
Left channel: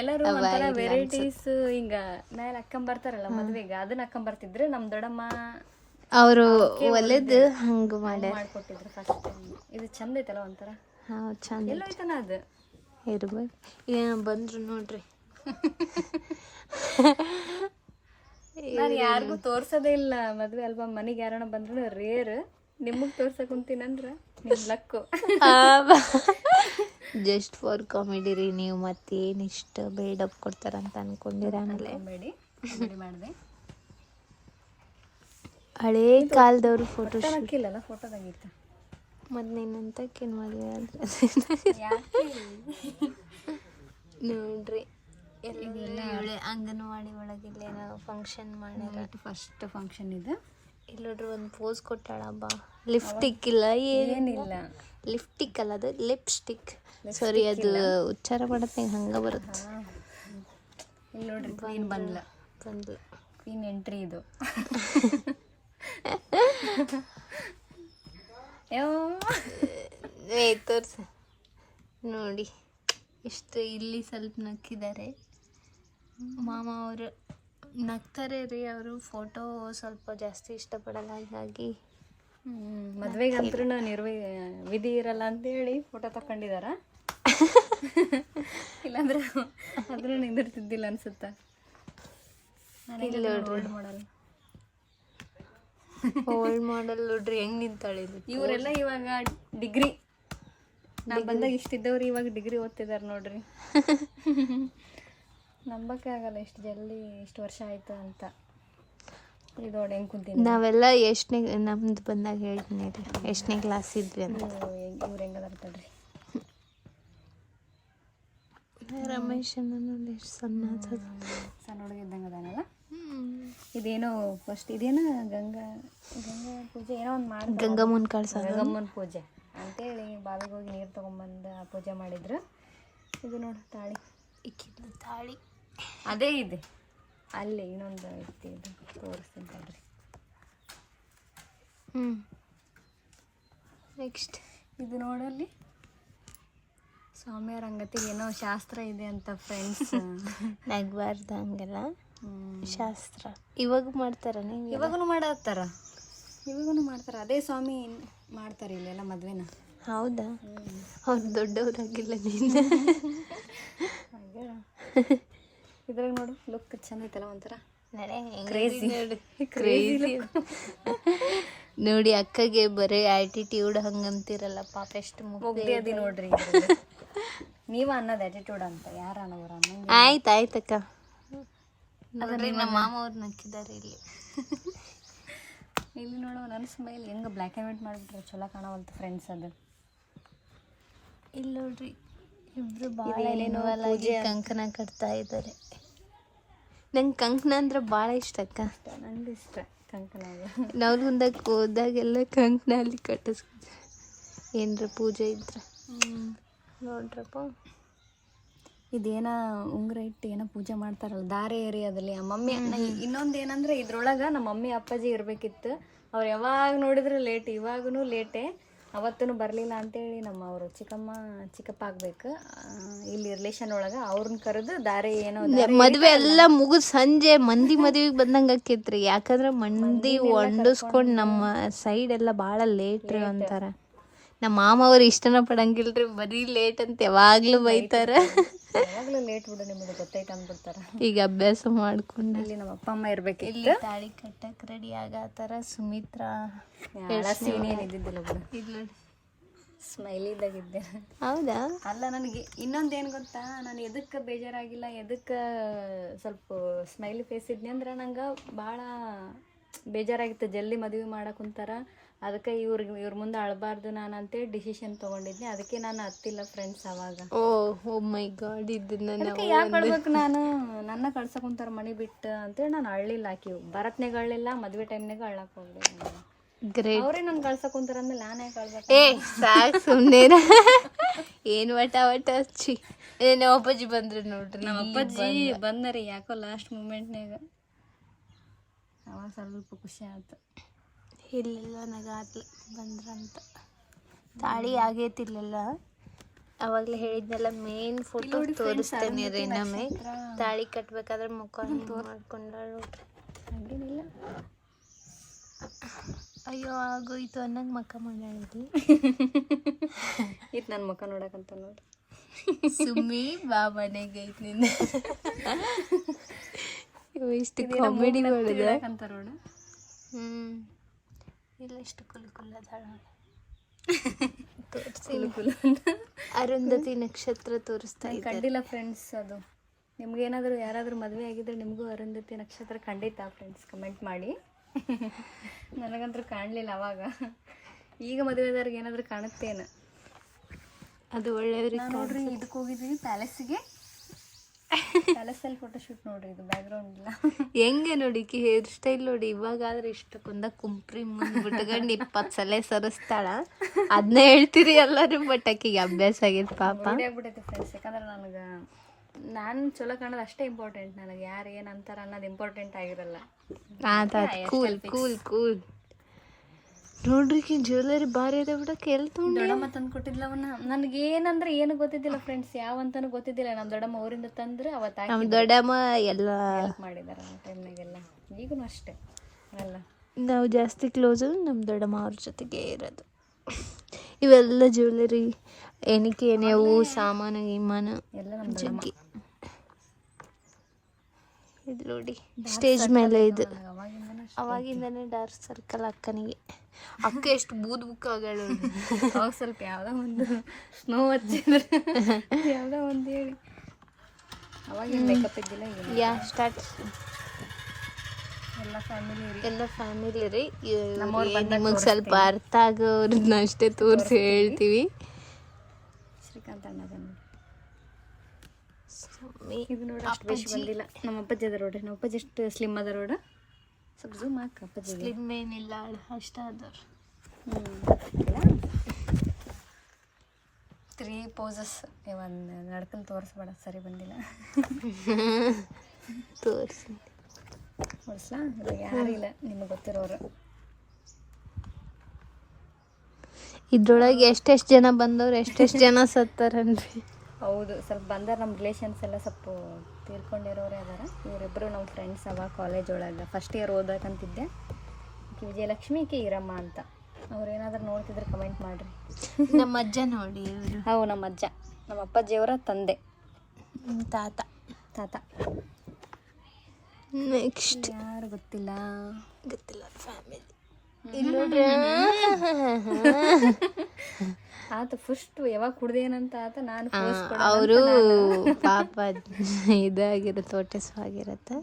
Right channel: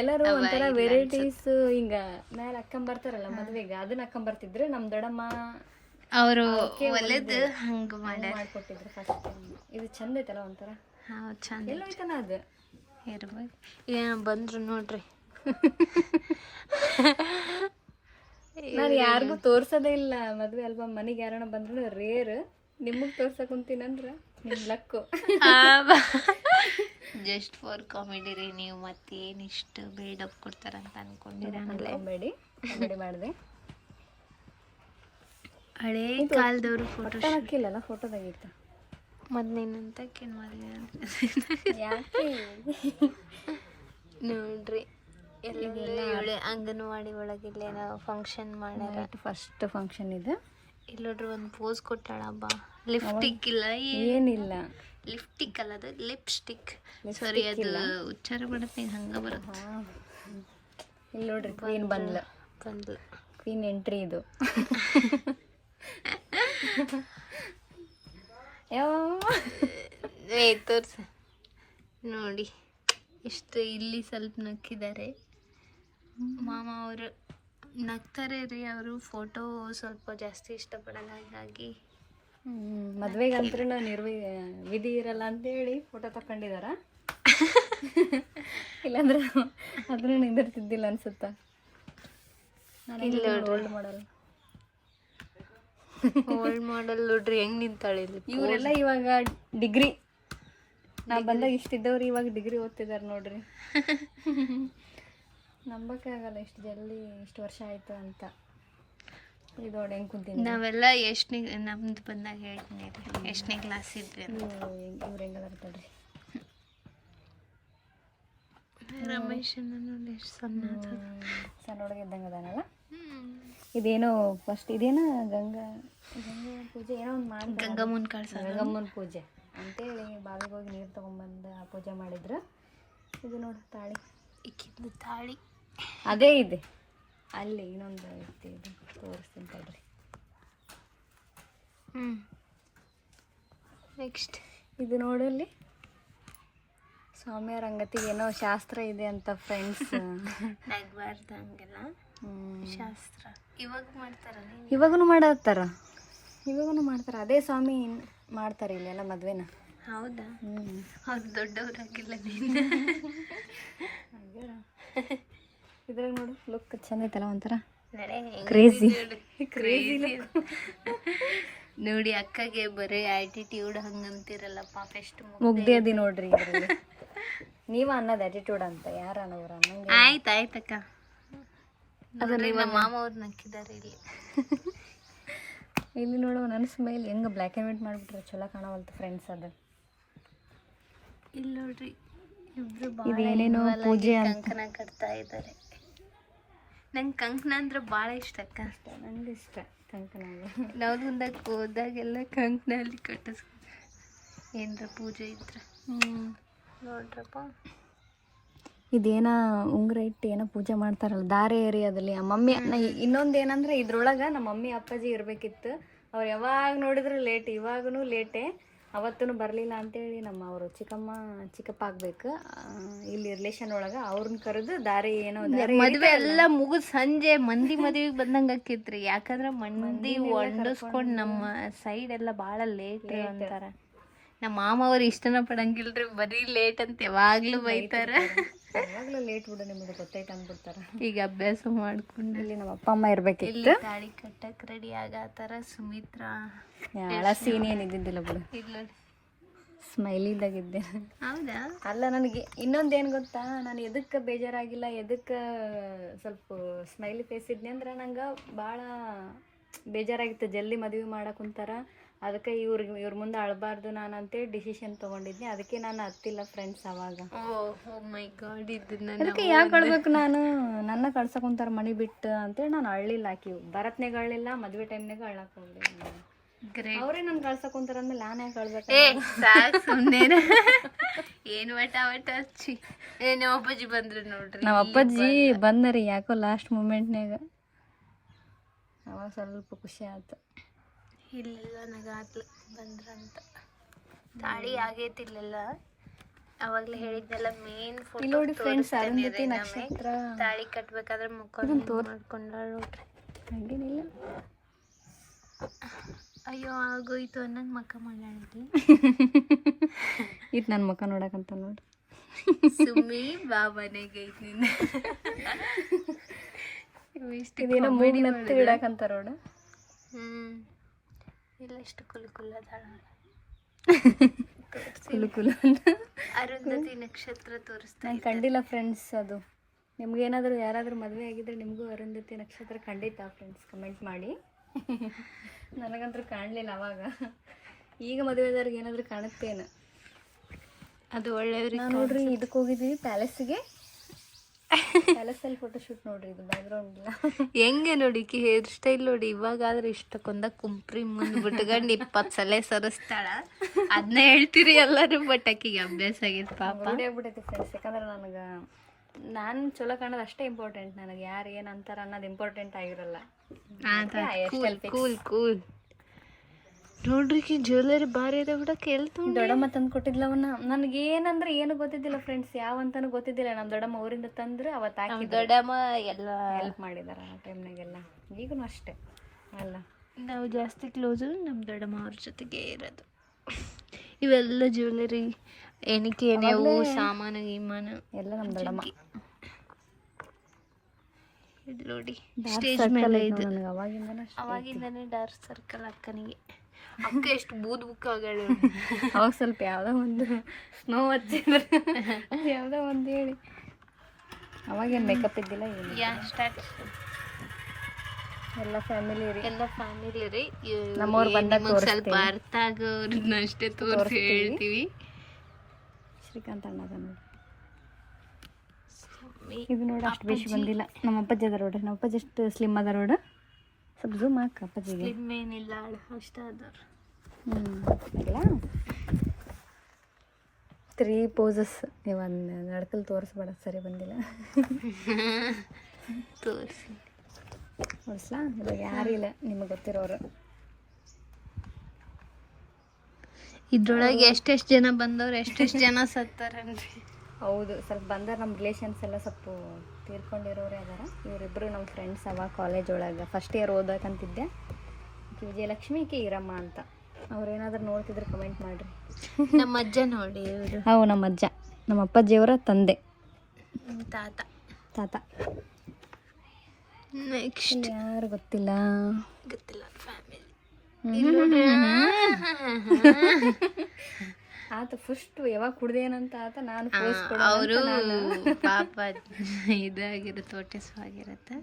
ಎಲ್ಲರೂ ಒಂಥರ ವೆರೈಟೀಸ್ ಹಿಂಗ ಮೇಲೆ ಹಾಕೊಂಬರ್ತಾರಲ್ಲ ಮದ್ವೆಗೆ, ಅದನ್ನ ಹಾಕೊಂಬರ್ತಿದ್ರು. ನಮ್ ದೊಡ್ಡಮ್ಮ ಅವರು ಒಲೆದು ಹಂಗ ಮಾಡ್ಕೊಟ್ಟಿದ್ರು ಫಸ್ಟ್ ಟೈಮ್. ಇದು ಚಂದ ಐತಲ್ಲ ಒಂಥರ. ಚಂದ ಎಲ್ಲ ಐತನ ಅದು ಇರ್ಬೇಕು. ಬಂದ್ರು ನೋಡ್ರಿ. ನಾನು ಯಾರಿಗೂ ತೋರ್ಸೋದೇ ಇಲ್ಲ ಮದ್ವೆ ಆಲ್ಬಮ್. ಮನೆಗೆ ಯಾರನ್ನ ಬಂದ್ರು ರೇರ್. ನಿಮಗ್ ತೋರ್ಸಕ್ ಕುಂತೀನಂದ್ರ ನಿಮ್ ಲಕ್ಕು. ಜಸ್ಟ್ ಫಾರ್ ಕಾಮಿಡಿ ರೀ. ನೀವು ಮತ್ತೇನು ಇಷ್ಟ ಬಿಲ್ಡಪ್ ಕೊಡ್ತಾರಂತ ಅನ್ಕೊಂಡಿರಲ್ಲ. ಬೇಡಿ ಮಾಡಿದೆ. ಹಳೇ ಕಾಲದವ್ರು ಫೋಟೋ ಹಾಕಿಲ್ಲಲ್ಲ, ಫೋಟೋದಾಗಿತ್ತು. ಮೊದ್ಲೇನಂತ ಕೇಳಿ ಮಾಡಿ ನೋಡ್ರಿ. ಎಲ್ಲ ಅಂಗನವಾಡಿ ಒಳಗಿಲ್ಲ ಏನೋ ಫಂಕ್ಷನ್ ಮಾಡ್ಯಾರ. ಫಸ್ಟ್ ಫಂಕ್ಷನ್ ಇದು. ಇಲ್ಲೋಡ್ರಿ ಒಂದು ಪೋಸ್ ಕೊಟ್ಟಾಳ ಬಾ. ಲಿಪ್ಸ್ಟಿಕ್ ಇಲ್ಲ, ಏನಿಲ್ಲ. ಲಿಪ್ಸ್ಟಿಕ್ ಅಲ್ಲ, ಅದು ಲಿಪ್ಸ್ಟಿಕ್. ಸಾರಿ, ಅದು ಉಚ್ಚಾರ ಮಾಡತ್ತೆ ಹಂಗ ಬರುತ್ತೆ. ಇಲ್ಲಿ ನೋಡ್ರಿ, ಕ್ವೀನ್ ಬಂದ್ಲ. ಕ್ವೀನ್ ಎಂಟ್ರಿ ಇದು. ತೋರ್ಸ ನೋಡಿ, ಇಷ್ಟು ಇಲ್ಲಿ ಸ್ವಲ್ಪ ನಕ್ಕಿದ್ದಾರೆ. ಮಾಮ ಅವರು ನಗ್ತಾರೆ ರೀ. ಅವರು ಫೋಟೋ ಸ್ವಲ್ಪ ಜಾಸ್ತಿ ಇಷ್ಟಪಡಲ್ಲ, ಹಾಗಾಗಿ ಮದ್ವೆಗಂತೂ ವಿಧಿ ಇರಲ್ಲ ಅಂತೇಳಿ ಫೋಟೋ ತಕೊಂಡಿದಾರ. ಇಲ್ಲಾಂದ್ರೆ ಅದನ್ನು ನಿಂದಿರ್ತಿದ್ದಿಲ್ಲ ಅನ್ಸುತ್ತ. ಇಲ್ಲ ನೋಡ್ರಿ, ಓಲ್ಡ್ ಮಾಡಲ್ ನೋಡ್ರಿ ಹೆಂಗ್ ನಿಂತಾಳೆ. ಇವರೆಲ್ಲ ಇವಾಗ ಡಿಗ್ರಿ, ನಾ ಬಂದಾಗ ಇಷ್ಟಿದ್ದವ್ರು ಇವಾಗ ಡಿಗ್ರಿ ಓದ್ತಿದಾರೆ ನೋಡ್ರಿ. ನಂಬಕ್ಕೆ ಆಗಲ್ಲ ಇಷ್ಟು ಜಲ್ದಿ ಇಷ್ಟು ವರ್ಷ ಆಯ್ತು ಅಂತ. ಇದು ನೋಡಿ ಹೆಂಗೆ ಕುಂತೀನಿ. ನಾವೆಲ್ಲ ಎಷ್ಟನೇ, ನಮ್ದು ಬಂದಾಗ ಹೇಳ್ತೀನಿ ಎಷ್ಟನೇ ಕ್ಲಾಸ್ ಇದ್ವಿ ಅಂತ. ಇವ್ರು ಹೆಂಗದಾರ ತಡ್ರಿ. ರಮೇಶ್ ನೋಡಿ ಎಷ್ಟು ಸಣ್ಣ ಹುಡುಗ ಇದ್ದಂಗೆ ಅದಾನಲ್ಲ. ಇದೇನೋ ಫಸ್ಟ್ ಇದೇನೋ ಗಂಗಾ ಪೂಜೆ ಏನೋ ಒಂದು ಮಾಡಿ, ಗಂಗಮ್ಮನ ಪೂಜೆ ಅಂತೇಳಿ ಬಾವಿಗೆ ಹೋಗಿ ನೀರು ತೊಗೊಂಬಂದು ಆ ಪೂಜೆ ಮಾಡಿದ್ರು. ಇದು ನೋಡಿ ತಾಳಿ, ಇಕ್ಕಿದ್ದು ತಾಳಿ ಅದೇ ಇದೆ. ಅಲ್ಲಿ ಇನ್ನೊಂದು ಐತಿ, ಇದು ತೋರಿಸ್ತೀನಿ ತಡ್ರಿ. ನೆಕ್ಸ್ಟ್ ಇದು ನೋಡಲ್ಲಿ ಸ್ವಾಮಿಯರ ಅಂಗತಿ ಏನೋ ಶಾಸ್ತ್ರ ಇದೆ ಅಂತ ಫ್ರೆಂಡ್ಸ್. ನಗ್ಬಾರ್ದು ಹಂಗೆಲ್ಲ ಶಾಸ್ತ್ರ. ಇವಾಗ ಮಾಡ್ತಾರ, ಇವಾಗೂ ಮಾಡ್ತಾರೆ. ಅದೇ ಸ್ವಾಮಿ ಮಾಡ್ತಾರೆ ಇಲ್ಲೆಲ್ಲ ಮದ್ವೆನ. ಹೌದಾ? ಅವ್ರು ದೊಡ್ಡವ್ರಾಗಿಲ್ಲ. ಇದ್ರಾಗ ನೋಡು ಲುಕ್ ಚೆನ್ನಾಗೈತಲ್ಲ, ಒಂಥರ ಕ್ರೇಜಿ ನೋಡಿ. ಅಕ್ಕಗೆ ಬರೀ ಆಟಿಟ್ಯೂಡ್ ಹಂಗಂತಿರಲ್ಲ ಪಾಪ, ಎಷ್ಟು ಮುಗ್ದಿ ನೋಡ್ರಿ. ನೀವ ಅನ್ನೋದು ಆಟಿಟ್ಯೂಡ್ ಅಂತ, ಯಾರು ಅನ್ನೋರು ಅನ್ನಂಗೆ. ಆಯ್ತಕ್ಕ. ನಮ್ಮ ಮಾಮ ಅವ್ರು ನಕ್ಕಿದ್ದಾರೆ ಇಲ್ಲಿ. ಇಲ್ಲಿ ನೋಡು ನನ್ನ ಸ್ಮೈಲ್ ಹೆಂಗೆ ಬ್ಲ್ಯಾಕ್ ಆ್ಯಂಡ್ ವೈಟ್ ಮಾಡಿಬಿಟ್ರೆ ಚಲೋ ಕಾಣವಲ್ತು ಫ್ರೆಂಡ್ಸ್. ಅದು ಇಲ್ಲಿ ನೋಡ್ರಿ, ಇಬ್ರು ಭಾಳ ಇನ್ವಾಲ್ವ್ ಆಗಿ ಕಂಕಣ ಕಟ್ತಾ ಇದ್ದಾರೆ. ನಂಗೆ ಕಂಕಣ ಅಂದ್ರೆ ಭಾಳ ಇಷ್ಟ ಅಕ್ಕ. ನಂಗೆ ಇಷ್ಟ ಕಂಕನಾಗ. ನಾವು ಮುಂದಕ್ಕೆ ಹೋದಾಗೆಲ್ಲ ಕಂಕಣ ಅಲ್ಲಿ ಕಟ್ಟಿಸ್ಕೊತೀವಿ ಏನ್ರ ಪೂಜೆ ಇದ್ರೆ. ನೋಡ್ರಪ್ಪ ಇದೇನ ಉಂಗುರ ಇಟ್ಟು ಏನೋ ಪೂಜೆ ಮಾಡ್ತಾರಲ್ಲ ದಾರೆ ಏರಿಯಾದಲ್ಲಿ ಆ ಮಮ್ಮಿ. ಇನ್ನೊಂದು ಏನಂದ್ರೆ ಇದ್ರೊಳಗೆ ನಮ್ಮ ಮಮ್ಮಿ ಅಪ್ಪಾಜಿ ಇರಬೇಕಿತ್ತು. ಅವ್ರು ಯಾವಾಗ ನೋಡಿದ್ರು ಲೇಟ್, ಇವಾಗೂ ಲೇಟೇ. ಅವತ್ತೂ ಬರಲಿಲ್ಲ ಅಂತೇಳಿ ಅವರು ಚಿಕ್ಕಪ್ಪ ಆಗ್ಬೇಕು ಇಲ್ಲಿ ರಿಲೇಷನ್ ಒಳಗೆ ಅವ್ರನ್ನ ಕರೆದು ದಾರೆ ಏನೋ ಮದುವೆ ಎಲ್ಲ ಮುಗಿದು ಸಂಜೆ ಮಂದಿ ಮದುವೆಗೆ ಬಂದಂಗೆ ಆಕೈತ್ರಿ. ಯಾಕಂದ್ರೆ ಮಂದಿ ಹೊಂಡಿಸ್ಕೊಂಡು ನಮ್ಮ ಸೈಡ್ ಎಲ್ಲ ಭಾಳ ಲೇಟ್ ಅಂತಾರ. ನಮ್ಮ ಮಾಮ ಅವ್ರು ಇಷ್ಟನ ಪಡಂಗಿಲ್ರಿ, ಬರೀ ಲೇಟ್ ಅಂತ ಯಾವಾಗ್ಲೂ ಬೈತಾರ. ಯಾವಾಗಲೂ ಲೇಟ್ ಬಿಡು ನಿಮ್ಮದು ಗೊತ್ತೈತೆ ಅಂದ್ಬಿಡ್ತಾರ. ಈಗ ಅಭ್ಯಾಸ ಮಾಡ್ಕೊಂಡು ಇಲ್ಲಿ ನಮ್ಮ ಅಪ್ಪ ಅಮ್ಮ ಇರ್ಬೇಕು. ಇಲ್ಲಿ ತಾಳಿ ಕಟ್ಟಕ್ಕೆ ರೆಡಿ ಆಗತ್ತಾರ. ಸುಮಿತ್ರಾ ಸೀನ್ ಏನಿದ್ದಿದ್ದಿಲ್ಲ ಬಿಡು, ಇಲ್ಲ ಸ್ಮೈಲಿದಾಗಿದ್ದೆ. ಹೌದಾ? ಅಲ್ಲ, ನನಗೆ ಇನ್ನೊಂದೇನು ಗೊತ್ತಾ, ನಾನು ಎದಕ್ಕೆ ಬೇಜಾರಾಗಿಲ್ಲ, ಎದಕ್ಕೆ ಸ್ವಲ್ಪ ಸ್ಮೈಲಿ ಫೇಸ್ ಇದ್ನಿ ಅಂದ್ರೆ ನಂಗೆ ಭಾಳ ಬೇಜಾರಾಗಿತ್ತು. ಜಲ್ದಿ ಮದುವೆ ಮಾಡಕ್ಕೆ ಕುಂತಾರ, ಅದಕ್ಕೆ ಇವ್ರ ಮುಂದೆ ಅಳಬಾರ್ದು ನಾನು ಅಂತೇಳಿ ಡಿಸಿಷನ್ ತೊಗೊಂಡಿದ್ನಿ. ಅದಕ್ಕೆ ನಾನು ಹತ್ತಿಲ್ಲ ಫ್ರೆಂಡ್ಸ್ ಅವಾಗ. ಓ ಮೈ ಗಾಡ್, ಇದನ್ನ ಯಾಕೆ ಅಳ್ಬೇಕು ನಾನು? ನನ್ನ ಕಳ್ಸಕ್ಕೆ ಕುಂತಾರ ಮನೆ ಬಿಟ್ಟು ಅಂತೇಳಿ ನಾನು ಅಳ್ಳಿಲ್ಲ. ಆಕಿವು ಬರತ್ನಾಗ ಅಳ್ಳಿಲ್ಲ, ಮದುವೆ ಟೈಮ್ನಾಗ ಅಳ್ಳಕ್ಕೆ ಹೋಗ್ಲಿಲ್ಲ ನಾನು. ಗ್ರೇಟ್. ಅವ್ರೇ ನಾನು ಕಳ್ಸಕ್ಕೆ ಕುಂತಾರ ಅಂದ್ಮೇಲೆ ನಾನು ಯಾಕೆ ಅಳ್ಬೇಕು? ಸಾಕು ಸುಮ್ಮನೆ. ಏನು ವಟ ಹಚ್ಚಿ ಏನು ಅಪ್ಪಾಜಿ ಬಂದ್ರೆ ನೋಡ್ರಿ. ನಮ್ಮ ಅಪ್ಪಾಜಿ ಬಂದರಿ ಯಾಕೋ ಲಾಸ್ಟ್ ಮೂಮೆಂಟ್ನಾಗ. ಅವಾಗ ಸ್ವಲ್ಪ ಖುಷಿ ಆಯ್ತು. ಇಲ್ಲ ನನಗಾತ್ಲ ಬಂದ್ರಂತ. ತಾಳಿ ಆಗೈತಿಲ್ಲ, ಅವಾಗಲೇ ಹೇಳಿದ್ನೆಲ್ಲ ಮೇನ್ ಫೋಟೋ ತೋರಿಸ್ತೇನೆ ರೀ. ನಮಗೆ ತಾಳಿ ಕಟ್ಬೇಕಾದ್ರೆ ಮುಖ ಮಾಡ್ಕೊಂಡಾಳ ನೋಡ್ರಿ. ಅಯ್ಯೋ ಆಗೋಯ್ತು ಅನ್ನಂಗೆ ಮಕ್ಕ ಮಾಡಾಳಿದ್ವಿ. ಇದು ನನ್ನ ಮಕ್ಕ ನೋಡಕಂತ ನೋಡ್ರಿ. ಸುಮ್ಮಿ ಬಾ ಮನೆಗೆ ಐತಿ ನಿಂದ. ಇಷ್ಟು ಕಾಮಿಡಿ ಮಾಡಕಂತಾರ ನೋಡ. ಇಲ್ಲ ಎಷ್ಟು ಕುಲ್ಕುಲ್ಲದಾಳ. ಅರುಂಧತಿ ನಕ್ಷತ್ರ ತೋರಿಸ್ತಾ ಕಂಡಿಲ್ಲ ಫ್ರೆಂಡ್ಸ್. ಅದು ನಿಮ್ಗೇನಾದರೂ ಯಾರಾದರೂ ಮದುವೆ ಆಗಿದ್ರೆ ನಿಮಗೂ ಅರುಂಧತಿ ನಕ್ಷತ್ರ ಖಂಡಿತ ಫ್ರೆಂಡ್ಸ್ ಕಮೆಂಟ್ ಮಾಡಿ. ನನಗಂತೂ ಕಾಣಲಿಲ್ಲ ಅವಾಗ. ಈಗ ಮದುವೆದವ್ರಿಗೆ ಏನಾದರೂ ಕಾಣುತ್ತೇನು? ಅದು ಒಳ್ಳೆಯವ್ರಿಗೆ ನೋಡ್ರಿ. ಇದಕ್ಕೆ ಹೋಗಿದ್ದೀವಿ ಪ್ಯಾಲೇಸಿಗೆ. ಪ್ಯಾಲೇಸಲ್ಲಿ ಫೋಟೋಶೂಟ್ ನೋಡ್ರಿ. ಇದು ಬ್ಯಾಕ್ಗ್ರೌಂಡ್ ಇಲ್ಲ ಹೆಂಗೆ ನೋಡಿ ಹೇರ್ ಸ್ಟೈಲ್ ನೋಡಿ. ಇವಾಗಾದ್ರೆ ಇಷ್ಟಕ್ಕೊಂದ ಕುಂಪ್ರಿ ಮುಂದೆ ಬಿಟ್ಕೊಂಡು 20 ಸಲ ಸರಿಸ್ತಾಳ. ಅದನ್ನ ಹೇಳ್ತೀರಿ ಎಲ್ಲರೂ, ಬಟ್ ಆಕಿಗೆ ಅಭ್ಯಾಸ ಆಗೈತೆ ಪಾಪ. ರೂಢಿ ಆಗ್ಬಿಟ್ಟೈತೆ ಫ್ರೆಂಡ್ಸ್. ಯಾಕಂದ್ರೆ ನಾನು ಚಲೋ ಕಾಣೋದು ಅಷ್ಟೇ ಇಂಪಾರ್ಟೆಂಟ್. ನನಗೆ ಯಾರು ಏನು ಅಂತಾರ ಅನ್ನೋದು ಇಂಪಾರ್ಟೆಂಟ್ ಆಗಿರಲ್ಲ. ಕೂಲ್ ಕೂಲ್ ಕೂಲ್ ನೋಡ್ರಿ. ಜ್ಯುವೆಲರಿ ಭಾರಿ ಅದ ಬಿಡ. ದೊಡ್ಡಮ್ಮ ತಂದು ಕೊಟ್ಟಿದ್ಲವನ್ನ. ನನಗೇನಂದ್ರೆ ಏನು ಗೊತ್ತಿದ್ದಿಲ್ಲ ಫ್ರೆಂಡ್ಸ್, ಯಾವಂತಾನು ಗೊತ್ತಿದ್ದಿಲ್ಲ. ನಮ್ಮ ದೊಡ್ಡಮ್ಮ ಊರಿಂದ ತಂದ್ರೆ ಅವತ್ತು ಹಾಕಿ ದೊಡ್ಡಮ್ಮ ಎಲ್ಲ ಹೆಲ್ಪ್ ಮಾಡಿದಾರ ಆ ಟೈಮ್ನಾಗೆಲ್ಲ. ಈಗೂ ಅಷ್ಟೇ ಅಲ್ಲ. ನಾವು ಜಾಸ್ತಿ ಕ್ಲೋಸು ನಮ್ಮ ದೊಡ್ಡಮ್ಮ ಅವ್ರ ಜೊತೆಗೆ ಇರೋದು. ಇವೆಲ್ಲ ಜ್ಯುವೆಲರಿ ಎಣಿಕೆ ಎಣೆವು ಸಾಮಾನು ಗೀಮಾನು ಎಲ್ಲ ನಮ್ಮ ದೊಡ್ಡಮ್ಮ. ಇದು ನೋಡಿ ಸ್ಟೇಜ್ ಮೇಲೆ ಇದು ಅವಾಗಿಂದನೇ ಡಾರ್ಕ್ ಸರ್ಕಲ್ ಅಕ್ಕನಿಗೆ. ಅಕ್ಕ ಎಷ್ಟು ಬೂದ್ ಬುಕ್ ಆಗ್ಯಾಳ. ಅವಾಗ ಸ್ವಲ್ಪ ಯಾವುದೋ ಒಂದು ಸ್ನೋ ಹಚ್ಚಿದ್ರೆ ಯಾವುದೋ ಒಂದು ಹೇಳಿ. ಅವಾಗೇನು ಮೇಕಪ್ ಇದ್ದಿಲ್ಲ ಏನು. ಸ್ಟಾರ್ಟ್. ಎಲ್ಲ ಫ್ಯಾಮಿಲಿ ರೀ. ನಿಮಗೆ ಸ್ವಲ್ಪ ಅರ್ಥ ಆಗೋರನ್ನ ಅಷ್ಟೇ ತೋರಿಸಿ ಹೇಳ್ತೀವಿ. ಶ್ರೀಕಾಂತ್ ಅಣ್ಣ ಇದು ನೋಡಿ ಅಷ್ಟು ಬೇಷ್ ಬಂದಿಲ್ಲ. ನಮ್ಮ ಅಪ್ಪಾಜಿ ಅದ ನೋಡ್ರಿ. ನಮ್ಮ ಅಪ್ಪಾಜಿ ಎಷ್ಟು ಸ್ಲಿಮ್ ಅದ ನೋಡ. ಸ್ವಲ್ಪ ಝೂಮ್ ಹಾಕ. ಅಪ್ಪಾಜಿ ಸ್ಲಿಮ್ ಏನಿಲ್ಲ, ಅಷ್ಟ ಅದಾರ. 3 ಪೋಸಸ್. ಒಂದು ನಡ್ಕಲ್ ತೋರಿಸ್ಬೇಡ, ಸರಿ ಬಂದಿಲ್ಲ. ತೋರಿಸಿ ಇವಾಗ ಯಾರಿಲ್ಲ ನಿಮಗೆ ಗೊತ್ತಿರೋರು. ಇದ್ರೊಳಗೆ ಎಷ್ಟೆಷ್ಟು ಜನ ಬಂದವ್ರು, ಎಷ್ಟೆಷ್ಟು ಜನ ಸತ್ತಾರನ್ರಿ. ಹೌದು, ಸ್ವಲ್ಪ ಬಂದಾರ. ನಮ್ಮ ರಿಲೇಷನ್ಸ್ ಎಲ್ಲ ಸ್ವಲ್ಪ ತೀರ್ಕೊಂಡಿರೋರೇ ಅದಾರ. ಇವರಿಬ್ಬರು ನಮ್ಮ ಫ್ರೆಂಡ್ಸ್. ಅವಾಗ ಕಾಲೇಜ್ ಒಳಗೆ ಫಸ್ಟ್ ಇಯರ್ ಓದಕ್ಕಂತಿದ್ದೆ. ವಿಜಯಲಕ್ಷ್ಮಿ, ಈರಮ್ಮ ಅಂತ. ಅವ್ರೇನಾದ್ರೂ ನೋಡ್ತಿದ್ರೆ ಕಮೆಂಟ್ ಮಾಡಿರಿ. ನಮ್ಮ ಅಜ್ಜ ನೋಡಿ ಇವರು. ನಮ್ಮ ಅಜ್ಜ, ನಮ್ಮ ಅಪ್ಪಾಜಿಯವರ ತಂದೆ, ತಾತ. ನೆಕ್ಸ್ಟ್ ಯಾರು ಗೊತ್ತಿಲ್ಲ ಫ್ಯಾಮಿಲಿ. ಆತ ಫಸ್ಟ್ ಯಾವಾಗ ಕುಡ್ದೇನಂತ ಆತ. ನಾನು ಅವರು ಪಾಪ ಇದಾಗಿರುತ್ತೆ, ಹೊಟ್ಟೆಸ್ವಾಗಿರುತ್ತೆ.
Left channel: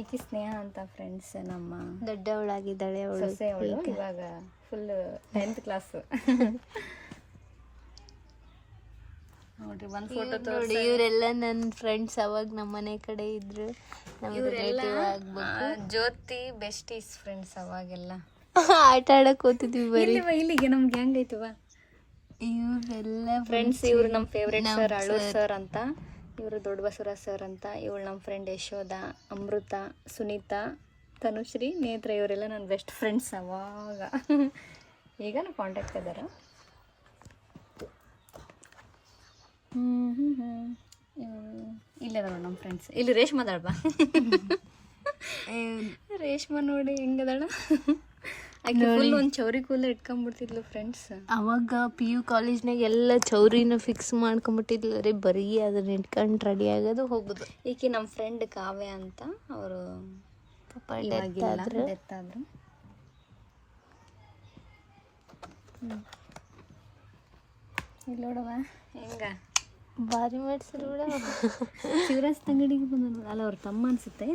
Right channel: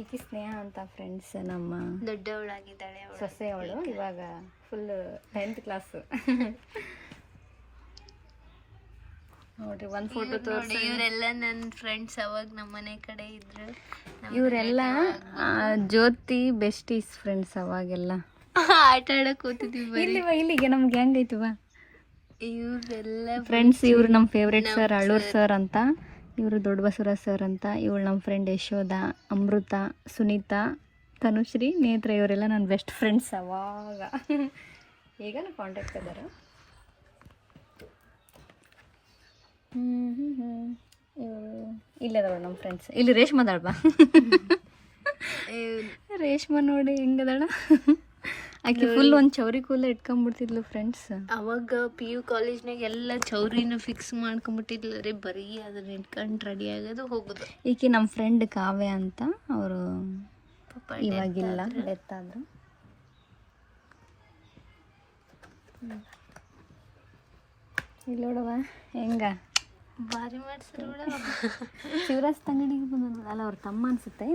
ಈಕಿ ಸ್ನೇಹ ಅಂತ ಫ್ರೆಂಡ್ಸ್. ನಮ್ಮ ದೊಡ್ಡವಳಾಗಿದ್ದಾಳೆ, ಸೊಸೆ ಅವಳು. ಇವಾಗ ಫುಲ್ 10th ಕ್ಲಾಸ್. ನೋಡ್ರಿ ಒಂದು ಫೋಟೋ ನೋಡಿ ಇವರೆಲ್ಲ ನನ್ನ ಫ್ರೆಂಡ್ಸ್ ಅವಾಗ ನಮ್ಮ ಮನೆ ಕಡೆ ಇದ್ರು. ಇವರೆಲ್ಲ ಜ್ಯೋತಿ ಬೆಸ್ಟೀಸ್ ಫ್ರೆಂಡ್ಸ್ ಅವಾಗೆಲ್ಲ ಆಟ ಆಡಕ್ ಹೋಗ್ತಿದ್ವಿ ಬರೀ. ಇಲ್ಲಿಗೆ ನಮ್ಗೆ ಹೆಂಗೈತಿವ ಇವರೆಲ್ಲ ಫ್ರೆಂಡ್ಸ್. ಇವ್ರು ನಮ್ಮ ಫೇವ್ರೆಟ್ ಸರ್ ಅಳ್ಳೂರ್ ಸರ್ ಅಂತ, ಇವರು ದೊಡ್ಡ ಬಸವರಾಜ್ ಸರ್ ಅಂತ, ಇವಳು ನಮ್ಮ ಫ್ರೆಂಡ್ ಯಶೋಧ, ಅಮೃತ, ಸುನೀತಾ, ತನುಶ್ರೀ, ನೇತ್ರ, ಇವರೆಲ್ಲ ನನ್ನ ಬೆಸ್ಟ್ ಫ್ರೆಂಡ್ಸ್ ಅವಾಗ. ಈಗನೂ ಕಾಂಟ್ಯಾಕ್ಟ್ ಇದ್ದಾರೆ. ಇಲ್ಲದವ ನಮ್ಮ ಫ್ರೆಂಡ್ಸ್. ಇಲ್ಲಿ ರೇಷ್ಮಾ ಅದಾಳ್ಬಾ. ರೇಷ್ಮಾ ನೋಡಿ ಹೆಂಗದಾಳ. ಆಕೆ ಫುಲ್ ಒಂದು ಚೌರಿ ಕೂಲ ಇಟ್ಕೊಂಡ್ಬಿಡ್ತಿದ್ಲು ಫ್ರೆಂಡ್ಸ್. ಅವಾಗ PU ಕಾಲೇಜ್ನಾಗ ಎಲ್ಲ ಚೌರಿನ ಫಿಕ್ಸ್ ಮಾಡ್ಕೊಂಬಿಟ್ಟಿದ್ಲ ರೀ, ಬರೀ ಅದನ್ನ ಇಟ್ಕೊಂಡು ರೆಡಿ ಆಗೋದು ಹೋಗೋದು. ಈಕೆ ನಮ್ಮ ಫ್ರೆಂಡ್ ಕಾವ್ಯ ಅಂತ, ಅವರು ಪಾಪ ಇವಾಗಿಲ್ಲ, ಡೆತ್ ಆದ್ರು. ಇಲ್ಲಿ ನೋಡವ ಹೆಂಗ ಭಾರಿ ಮಾಡ್ಸರು ಬಿಡ. ಶಿವರಾಜ್ ತಂಗಡಿಗೆ ಬಂದ ಅಲ್ಲ, ಅವ್ರ ತಮ್ಮ ಅನ್ಸುತ್ತೆ.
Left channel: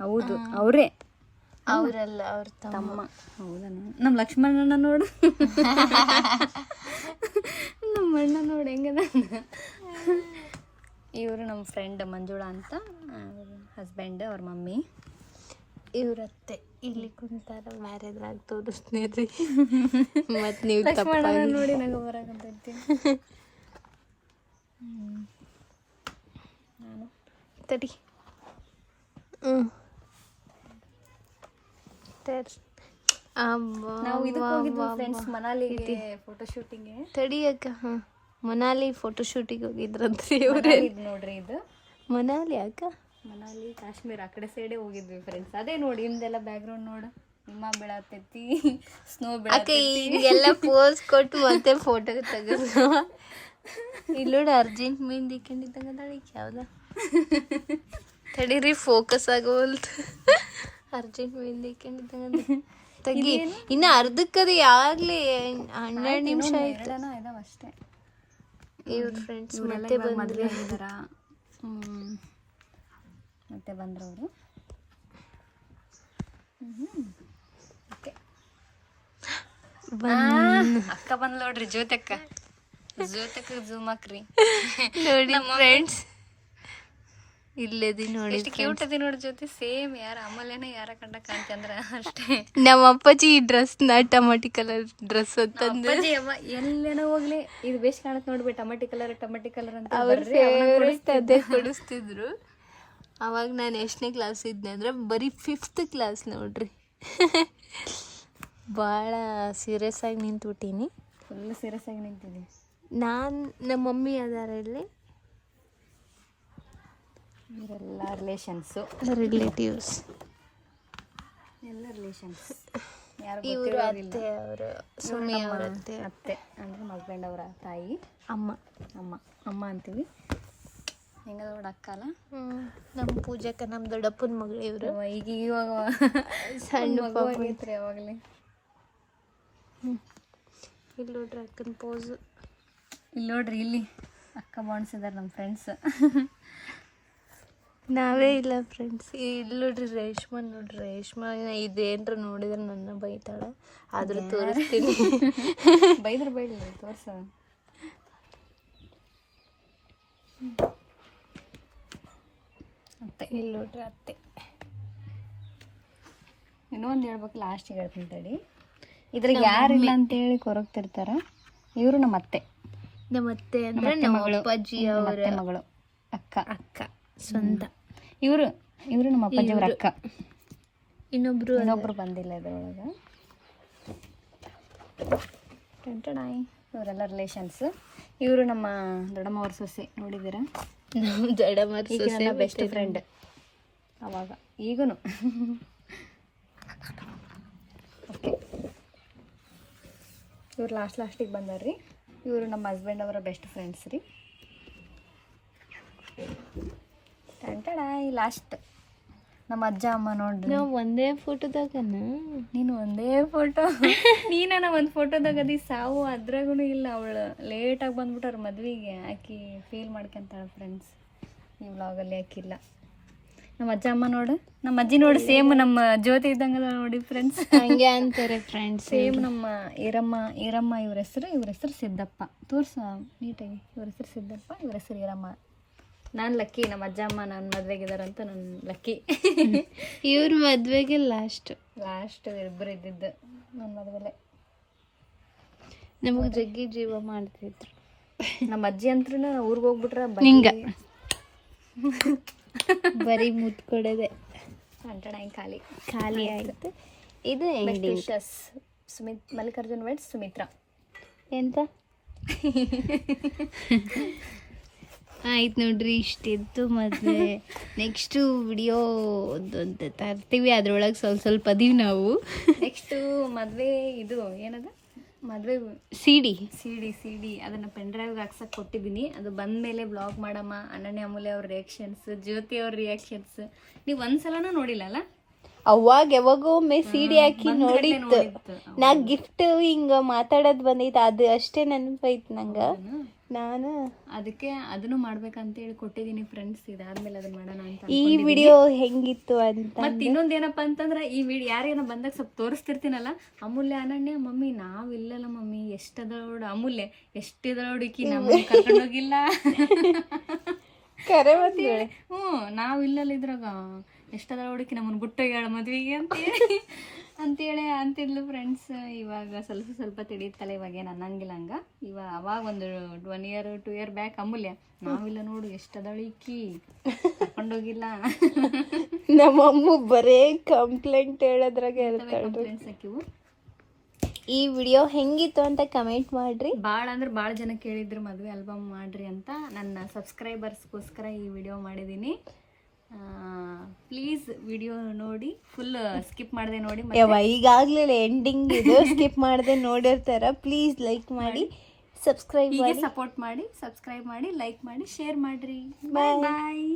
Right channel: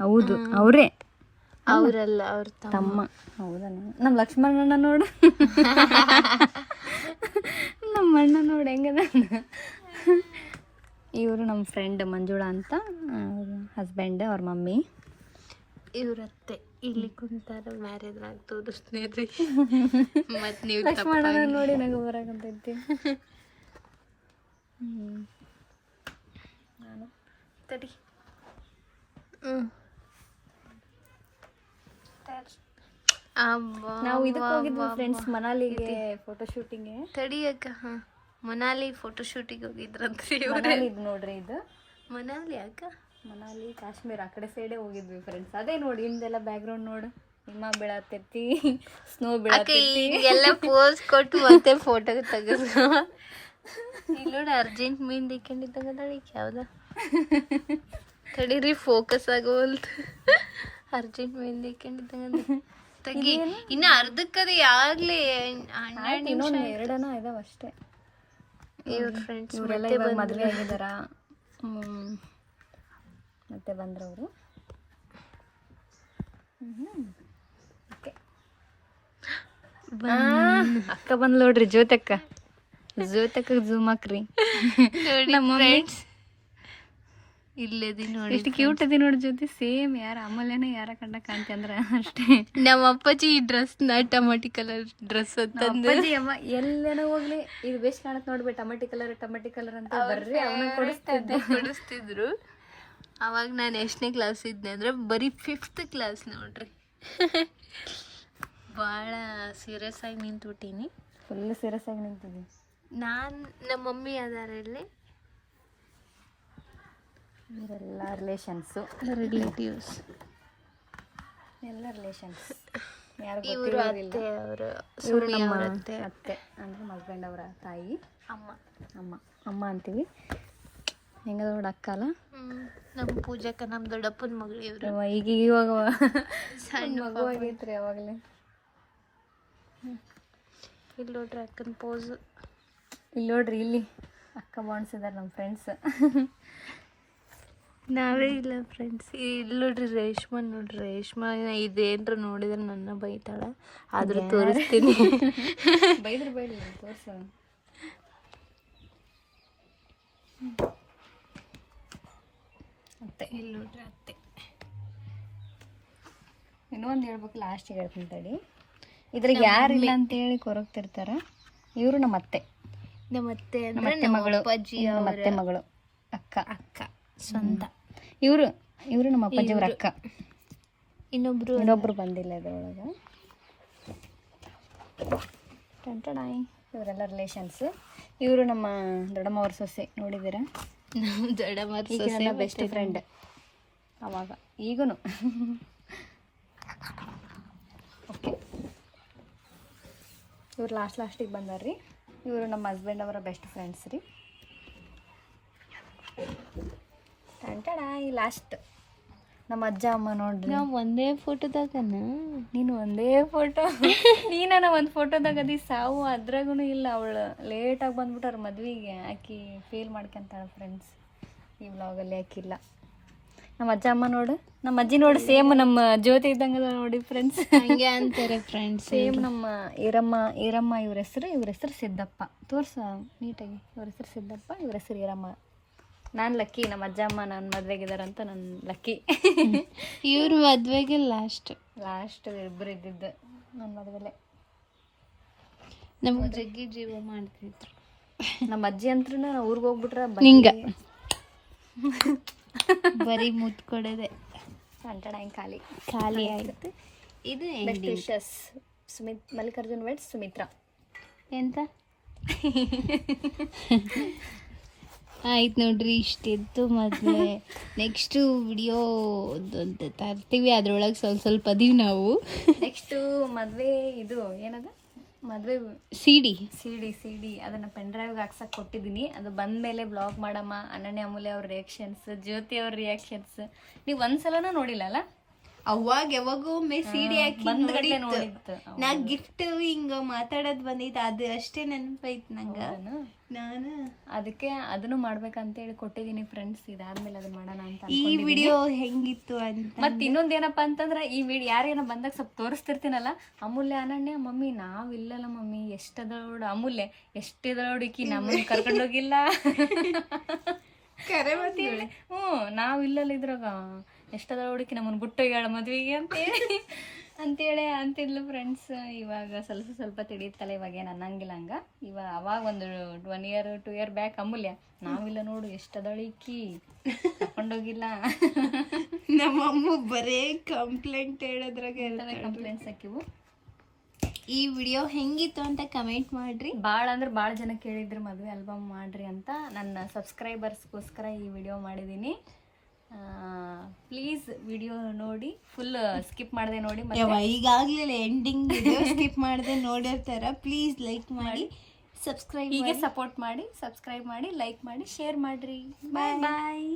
ಹೌದು ಅವರೇ. ಅವರಲ್ಲ, ಅವ್ರ ತಮ್ಮ. ಹೌದಾ? ನಮ್ಮ ಲಕ್ಷ್ಮಣನ ನೋಡು, ನಮ್ಮ ಅಣ್ಣ ನೋಡಿ ಹೆಂಗದ. ಇವರು ನಮ್ಮ ಫ್ರೆಂಡ್ ಮಂಜುಳಾ ಅಂತ, ಹಸ್ಬೆಂಡ್, ಅವ್ರ ಮಮ್ಮಿ. ಇವ್ರತ್ತೆ ಇಲ್ಲಿ ಕುಂತಾರ, ಮ್ಯಾರೇಜ್ ಆಗಿ ತೋರಿಸ್ತೀರಿ. ಮತ್ತು ನೀವು ಲಕ್ಷ್ಮಣನ ನೋಡಿ ನಂಗೆ ಬರಾಕಂತೈತಿ. ನಾನು ತಡಿ. ನಾವು ಇದಕ್ಕೆ ಹೋಗಿದ್ವಿ ಫ್ರೆಂಡ್ಸ್, ಮನಾಲಿಗೆ ಫೋಟೋ ಶೂಟಿಂಗ್ಗೆ. ತಡಿಯಕ್ಕ. ಮನಾಲಿ ಫೋಟೋ ಶೂಟಿಗೆ ಹೋಗಿದ್ರಂತ್ರಿ ಇದು ನೋಡ್ರಿ, ಇದು ಮನಾಲಿ ಅಕ್ಕ. ಮನಾಲಿ, ಕಾಶ್ಮೀರ ಆ ಕಡೆ ಸೈಡೇ ಹೋಗಿದ್ವಿ ಫ್ರೆಂಡ್ಸ್. ಅದೇ ನೋಡಿ ಹಿಂದೆಲ್ಲ ಬ್ಯಾಕ್ಗ್ರೌಂಡ್ ನೋಡು, ಹಿಮ ಬೀಳತೈತಿ, ಸ್ನೋ ಅಕ್ಕ. ಹಿಂಗೆಲ್ಲ ಪೋಸ್ ಕೊಟ್ಟು ಮತ್ತೆ ಫೋಟೋ ತೆಗೆದು ಇಲ್ಲಿ ನೋಡಿ ಅರ್ಜೆಂಟ್ ಮೆಹಂದಿ ಇಕ್ಕೊಂಡಿದ್ದಂಗದಾಳ. ಈಗ ಯಾವ್ದ ತಡೀರಿ, ಫೋಕಸ್ ಆಗೋಲ್ತು. ಅರ್ಜೆಂಟ್ ಮೆಹಂದಿ ಇಕ್ಕೊಂಡಿದ್ದಂಗ ತೆಗಿ. ಇನ್ನು ಅರ್ಧಕ್ಕದು ಯಾವಾಗಲೇ 12 ನಿಮಿಷ, 2 ಇದಾವ ಅಷ್ಟೇ. ಇವ್ರ ಫ್ರೆಂಡ್ಸ್ ಮತ್ತೆ ಬಂದ್ರು. ಮತ್ತೆ ಬಂದ್ರವರು. ಅಕ್ಕ ಬಂದ್ ನೋಡ್ರಿ, ಜ್ಯೋತಕ್ಕ. ಜ್ಯೋತಕ್ಕ ಜೂಮ್ ಹಾಕ್ರಿ ನೋಡಿ ಫ್ರೆಂಡ್ಸ್. ಇಲ್ಲದಿ ನೋಡಿ, ಕ್ಯೂಟ್ ಅದಿ ನೋಡಿ ಜ್ಯೋತಿ. ಸೇಮ್ ಯಾರ ಅಮೂಲ್ಯನ ಯಾರ ಕಂಡ ಕಾಣ್ತಿ ಅಂದ್ರ ಅಷ್ಟೇ. ನಮ್ಮ ಅಪ್ಪಾಜಿ ಈ ಡ್ರೆಸ್ನ ಟಮಾಟಿ ಕಲರ್ ಡ್ರೆಸ್ ಅಂತಂದ್ರೆ ಎಲ್ಲೇನೋ ಹೋಗ್ಲಿ, ಇದು ಬೇಸ್ ಕಾಣತ್ ನೋಡ್ಬಿಟ್ಟು ಟಮಾಟಿ ಕಲರ್ ಅಂತ ಬರ್ರಿ ಅವನ ಕೊಡಿಸ್ತಿದ್ರು. ಅವಾಗ ನಾನು ಎಷ್ಟನೇ ಕ್ಲಾಸ್ ಇದ್ದೆ ಅಂದ್ರೆ ಬರೀ 5th ಕ್ಲಾಸ್ ನೋಡ್ರಿ. ಭಾಳ ಸೀರಿಯಸ್ ಆಗಿ ನಿಂತ್ಬಿಟ್ಟೀನಿ. ಫುಲ್ ಸೀರಿಯಸ್ ಆಗಿ ನಿಂತಿದ್ವಿ. ನಮ್ಮ ಮಮ್ಮಿ ಅದಾರ ಇಲ್ಲಿ. ಇವರೆಲ್ಲ ರಿಲೇಷನ್ಸು, ರಿಲೇಟಿವ್ಸ್ ಎಲ್ಲ ರಿಲೇಷನ್ಸ್. ಇವರು ಅತ್ತೆ, ಅವರು ಸುಮ್ಮಿ ಅವ್ರ ಅತ್ತೆ ಅಂದರೆ ಹಸ್ಬೆಂಡ್ ಅವರ ತಾಯಿ, ಅಮ್ಮ ಅಂತೀವಿ. ಹೆಂಗದ ನೋಡ ಅಕ್ಕ ಅಲ್ಲ. ನಮ್ಮ ಪೂಜಾಕ, ನಮ್ಮ ದೊಡ್ಡಪ್ಪನ ಮಗಳು ಇವರು. ಇವಾಗ ಸಣ್ಣ ಮಗು ಆಗೈತ್ರಿ ಅವಾಗಲೇ. ಇಲ್ಲಿ ನೋಡ್ರಿ ಅಕ್ಕನ ಪೋಸು. ಇಲ್ಲಿ ನೋಡ್ರಿ, ಇಲ್ಲಿ ಅಕ್ಕ ಬಾಣಿಸಿದಾರೆ ನಮ್ಮ ಫ್ರೆಂಡ್ಸ್. ನಾವೇ ಇಲ್ಲ ಫ್ರೆಂಡ್ಸ್. ಇಲ್ಲಿ ನೋಡ್ರಿ ರೇಷ್ಮಾ, ನೋಡ್ರಿ ರೇಷ್ಮಾ ಇದೇನ್ರ ನೋಡಿದ್ರೆ ನನ್ನ ಬೈತಾಳ, ಆದ್ರೂ ತೋರಿಸ್ತೀನಿ. ಬೈದ್ರಿ ತೋರ್ಸ. ಅತ್ತೆ, ಇಲ್ಲಿ ನೋಡ್ರಿ ಅತ್ತೆ. ಇನ್ನೊಂದು ಹೇಳ್ಬೇಕು, ಲಾಸ್ಟಿಗೆ ಹೇಳ್ತೀನಿ ತಡಿ. ಇದ್ರಾಗ ಯಾರಿಲ್ಲ ಅಂತೇಳಿ ಕೊರಗ್ತಿರ್ತಾರ. ಇವರು ನಮ್ಮ ಅತ್ತೆ, ನಮ್ಮ ಅತ್ತೆ ಮಗಳು, ನಮ್ಮ ಅತ್ತೆ ಮಗಳು, ಅಕ್ಕ ಸ್ವಂತ. ಇವರು ನಮ್ಮ ಅಪ್ಪಾಜಿಯವ್ರ ಅಕ್ಕ. ಇನ್ನೊಬ್ರು ಬಂದಿಲ್ಲ ಇದ್ರೊಳಗೆ. ಇವರೆಲ್ಲ ರಿಲೇಷನ್ಸ್. ಇವರು ನಮ್ಮ ದೊಡ್ಡಮ್ಮವ್ರ ಸೊಸೆ, ನೋಡಿದ್ದೀರಾ? ನನ್ನ ಬೆಸ್ಟ್ ಫ್ರೆಂಡ್ ಅವಾಗ, ಈಗೂ. ಓಕೆ, ಇವ್ರು ಲಾಸ್ಟಿಗೆ ಬಂದಾರ್ರಿ. ಇವರು ನಮ್ಮ ಹಸ್ಬೆಂಡ್ ಅವರ ಬೆಸ್ಟ್ ಫ್ರೆಂಡ್ಸ್ ರೀ. ಈ ಲಾಸ್ಟ್ ನಮ್ಮ ಅಜ್ಜ ಅಮ್ಮ ನೋಡ್ರಿ. ನಾವು ಒಂದೇ ಫೋಟೋದಾಗನ, ನೀನು ಒಂದೇ ಫೋಟೋ. ನೀನ ಒಂದು ಫೋಟೋದಾಗ ಅದಿ ಸಾವು, ಅದ್ರಾಗೂ ಇಲ್ಲ. ಅವಳು ಲೇಟಾಗಿ ಬಂದ್ಬಿಟ್ಟಾರ ಮದ್ವೆಗೆ. ಆಕಿ ಫೀಲ್ ಮಾಡ್ಕೊಂತಾಳೆ ಫ್ರೆಂಡ್ಸ್. ಈ ವ್ಲಾಗಲ್ಲಿ ಆಕಿಲ್ಲ. ನಮ್ಮ ಅಜ್ಜ ಅಮ್ಮ ನೋಡು, ನಮ್ಮ ಅಜ್ಜಿ ನೋಡಿ ಸೇಮ್ ನಮ್ಮ ಜ್ಯೋತಿ ಇದ್ದಂಗಲ್ಲ ನೋಡಿ ಫ್ರೆಂಡ್ಸ್. ಹಂಗೆ ಅಂತಾರೆ ಫ್ರೆಂಡ್ಸ್. ಸೇಮ್ ನಮ್ಮ ಈರಮ್ಮ ಇವ್ರ ಹೆಸರು ಸಿದ್ದಪ್ಪ. ತೋರ್ಸ ನೀಟಾಗಿ. ಇವ್ರ ಹೆಸರು ಸಿದ್ದಪ್ಪ, ಇವ್ರ ಹೆಸರು ಈರಮ್ಮ. ನಾನು ಲಕ್ಕಿ, ನಮ್ಮ ಅಜ್ಜ ಅಮ್ಮ ನನ್ನ ಮದ್ವೆಗಿದಾರಂತ ನಾನು ಲಕ್ಕಿ. ಇವ್ರ ಮದ್ವೆಗೆ ಲಾಸ್ಟ್ ಇಬ್ಬರು ಇದ್ದಿದ್ದು ನನ್ನ ಮದುವೆಲೆ. ನಮಗೆ ಜಗ್ಗಿ ಜೀವ ಮಾಡ್ತಿದ್ರು. ನಮ್ಮ ಅಜ್ಜಿ ಅಂತ್ರೂ ನಾವು ಊರಿಗೆ ಹೋಗ್ಬಿಟ್ರೆ ನಿಂಗ ಬರೀ ಮುತ್ತು ಕೊಡೋದೆ ಖಾಲಿ ಆಯ್ತು. ಇದು ಮಲ್ಲಿಕಾರ್ಜುನ್ ವೆಡ್ಸ್ ಸುಮಿತ್ರಾ. ಎಂತ ಆಯ್ತು ನೋಡ್ರಿ, ಇಷ್ಟಿತ್ತು ಮದುವೆ. ನೆಕ್ಸ್ಟು ವಿಡಿಯೋ ಅಂತ ತರ್ತೀವಿ, ಅದ್ರೊಳಗೆ ಸ್ವಲ್ಪ ಅದೀವಿ ನಾವು. ನೆಕ್ಸ್ಟು ಮದುವೆ ಇದು ಏನದ ಮದುವೆ ಸಿ ಡಿ ಅದನ್ನು ಪೆನ್ ಡ್ರೈವ್ಗೆ ಹಾಕ್ಸಕ್ಕೆ ಕೊಟ್ಟಿದ್ದೀನಿ. ಅದು ಬಂದ ಮೇಲೆ ಬ್ಲಾಗ್ ಮಾಡಮ್ಮ. ಅನನ್ಯ ಅಮೂಲ್ಯ ಅವ್ರ ರಿಯಾಕ್ಷನ್ಸ್, ಜ್ಯೋತಿ ಅವ್ರ ರಿಯಾಕ್ಷನ್ಸ್ ನೀವು ಒಂದ್ಸಲನೂ ನೋಡಿಲ್ಲ ಅಲ್ಲ? ಅವಾಗ ಯಾವಾಗೊಮ್ಮೆ ಸಿಡಿ ಹಾಕಿ ನೋಡಿತ್ತು. ನಾ ಗಿಫ್ಟ್ ಹಿಂಗ ಮಾತಾಡೋದು ಬಂದೈತೆ, ಅದು ಅಷ್ಟೇ ನೆನಪೈತ್ ನಂಗೆ. ನಾನು ಅದಕ್ಕೆ ಅದನ್ನು ಮಾಡ್ಬೇಕಂತೇಳಿ ಕೊಟ್ಟಿದ್ದೀನಿ ಫ್ರೆಂಡ್ಸ್. ಇದಾದ್ಮೇಲೆ ಅದನ್ನ ಮಾಡೋಣ ಅಂತ. ಈ ವಿಡಿಯೋ ಹೆಂಗಿತ್ತು ಅಂತ. ಮತ್ತೆ ಇನ್ನೊಂದು ಏನಪ್ಪಾ ಅಂತಂದ್ರೆ, ಈ ವಿಡಿಯೋ ಯಾರೇನೋ ಬಂದಾಗ ಸ್ವಲ್ಪ ತೋರಿಸ್ತಿರ್ತೀನಲ್ಲ, ಅಮೂಲ್ಯ ಅನನ್ಯ ಮಮ್ಮಿ ನಾವಿಲ್ಲಲ್ಲ ಮಮ್ಮಿ ಎಷ್ಟದೋಡು ಅಮೂಲ್ಯ ಎಷ್ಟಿದೋಡಿಕಿ ನಮ್ಮನ್ನ ಕರ್ಕೊಂಡೋಗಿಲ್ಲ. ನಾವಿಲ್ಲಲ್ಲ ಇದ್ರಾಗ ಎಷ್ಟದ ಹುಡುಕಿ ನಮ್ಮನ್ನು ಬಿಟ್ಟು ಹೇಳ ಮದ್ವೆಗೆ ಅಂತೇಳಿ ಅಂತಿದ್ಲು ಫ್ರೆಂಡ್ಸ್. ಇವಾಗ ಸ್ವಲ್ಪ ತಿಳಿಯುತ್ತಲ್ಲ, ಇವಾಗ ಏನು ಅನ್ನಂಗಿಲ್ಲ ಹಂಗ. ಅವಾಗ ಒಂದು 1 year 2 year ಬ್ಯಾಕ್ ಅಮೂಲ್ಯ ನಾವಿಲ್ಲ ನೋಡು ಎಷ್ಟದಳಿಕಿ ಕರ್ಕೊಂಡೋಗಿಲ್ಲ. ನಮ್ಮಮ್ಮ ಬರೇ ಕಂಪ್ಲೇಂಟ್ ಹೇಳೋದ್ರಾಗೆ ಕಂಪ್ಲೇಂಟ್ಸ್ ಹಾಕಿವು. ಈ ವಿಡಿಯೋ ಹೆಂಗಿತ್ತು ಅಂತ ಕಮೆಂಟ್ ಮಾಡ್ರಿ. ಭಾಳ ಜನ ಕೇಳಿದ್ರು ಮದುವೆ ಆಲ್ಬಮ್ ಮಾಡ್ರಿ ಅಂತ. ನನ್ನ ಸಬ್ಸ್ಕ್ರೈಬರ್ಸ್ಗೋಸ್ಕರ ಈ ವಿಡಿಯೋ ಮಾಡಿದ್ದೀನಿ. ಪ್ಲೀಸ್ ವಿಡಿಯೋ ನೋಡಿ, ಫುಲ್ ಸ್ಕಿಪ್ ಮಾಡದೆ ನೋಡಿ. ಈಗಾಗಲೇ ಎಂಡಿಂಗ್ ಸ್ಕಿಪ್ ಮಾಡದೆ ನೋಡಿರ್ತಾರ. ಪ್ಲೀಸ್ ಲೈಕ್ ಮಾಡಿ, ಸಬ್ಸ್ಕ್ರೈಬ್ ಹೀಗೆ ಸಪೋರ್ಟ್ ಮಾಡಿ, ಸಬ್ಸ್ಕ್ರೈಬ್ ಮಾಡಿ, ಲೈಕ್ ಮಾಡಿ, ಶೇರ್ ಮಾಡ್ರಿ. ಬಾಯ್.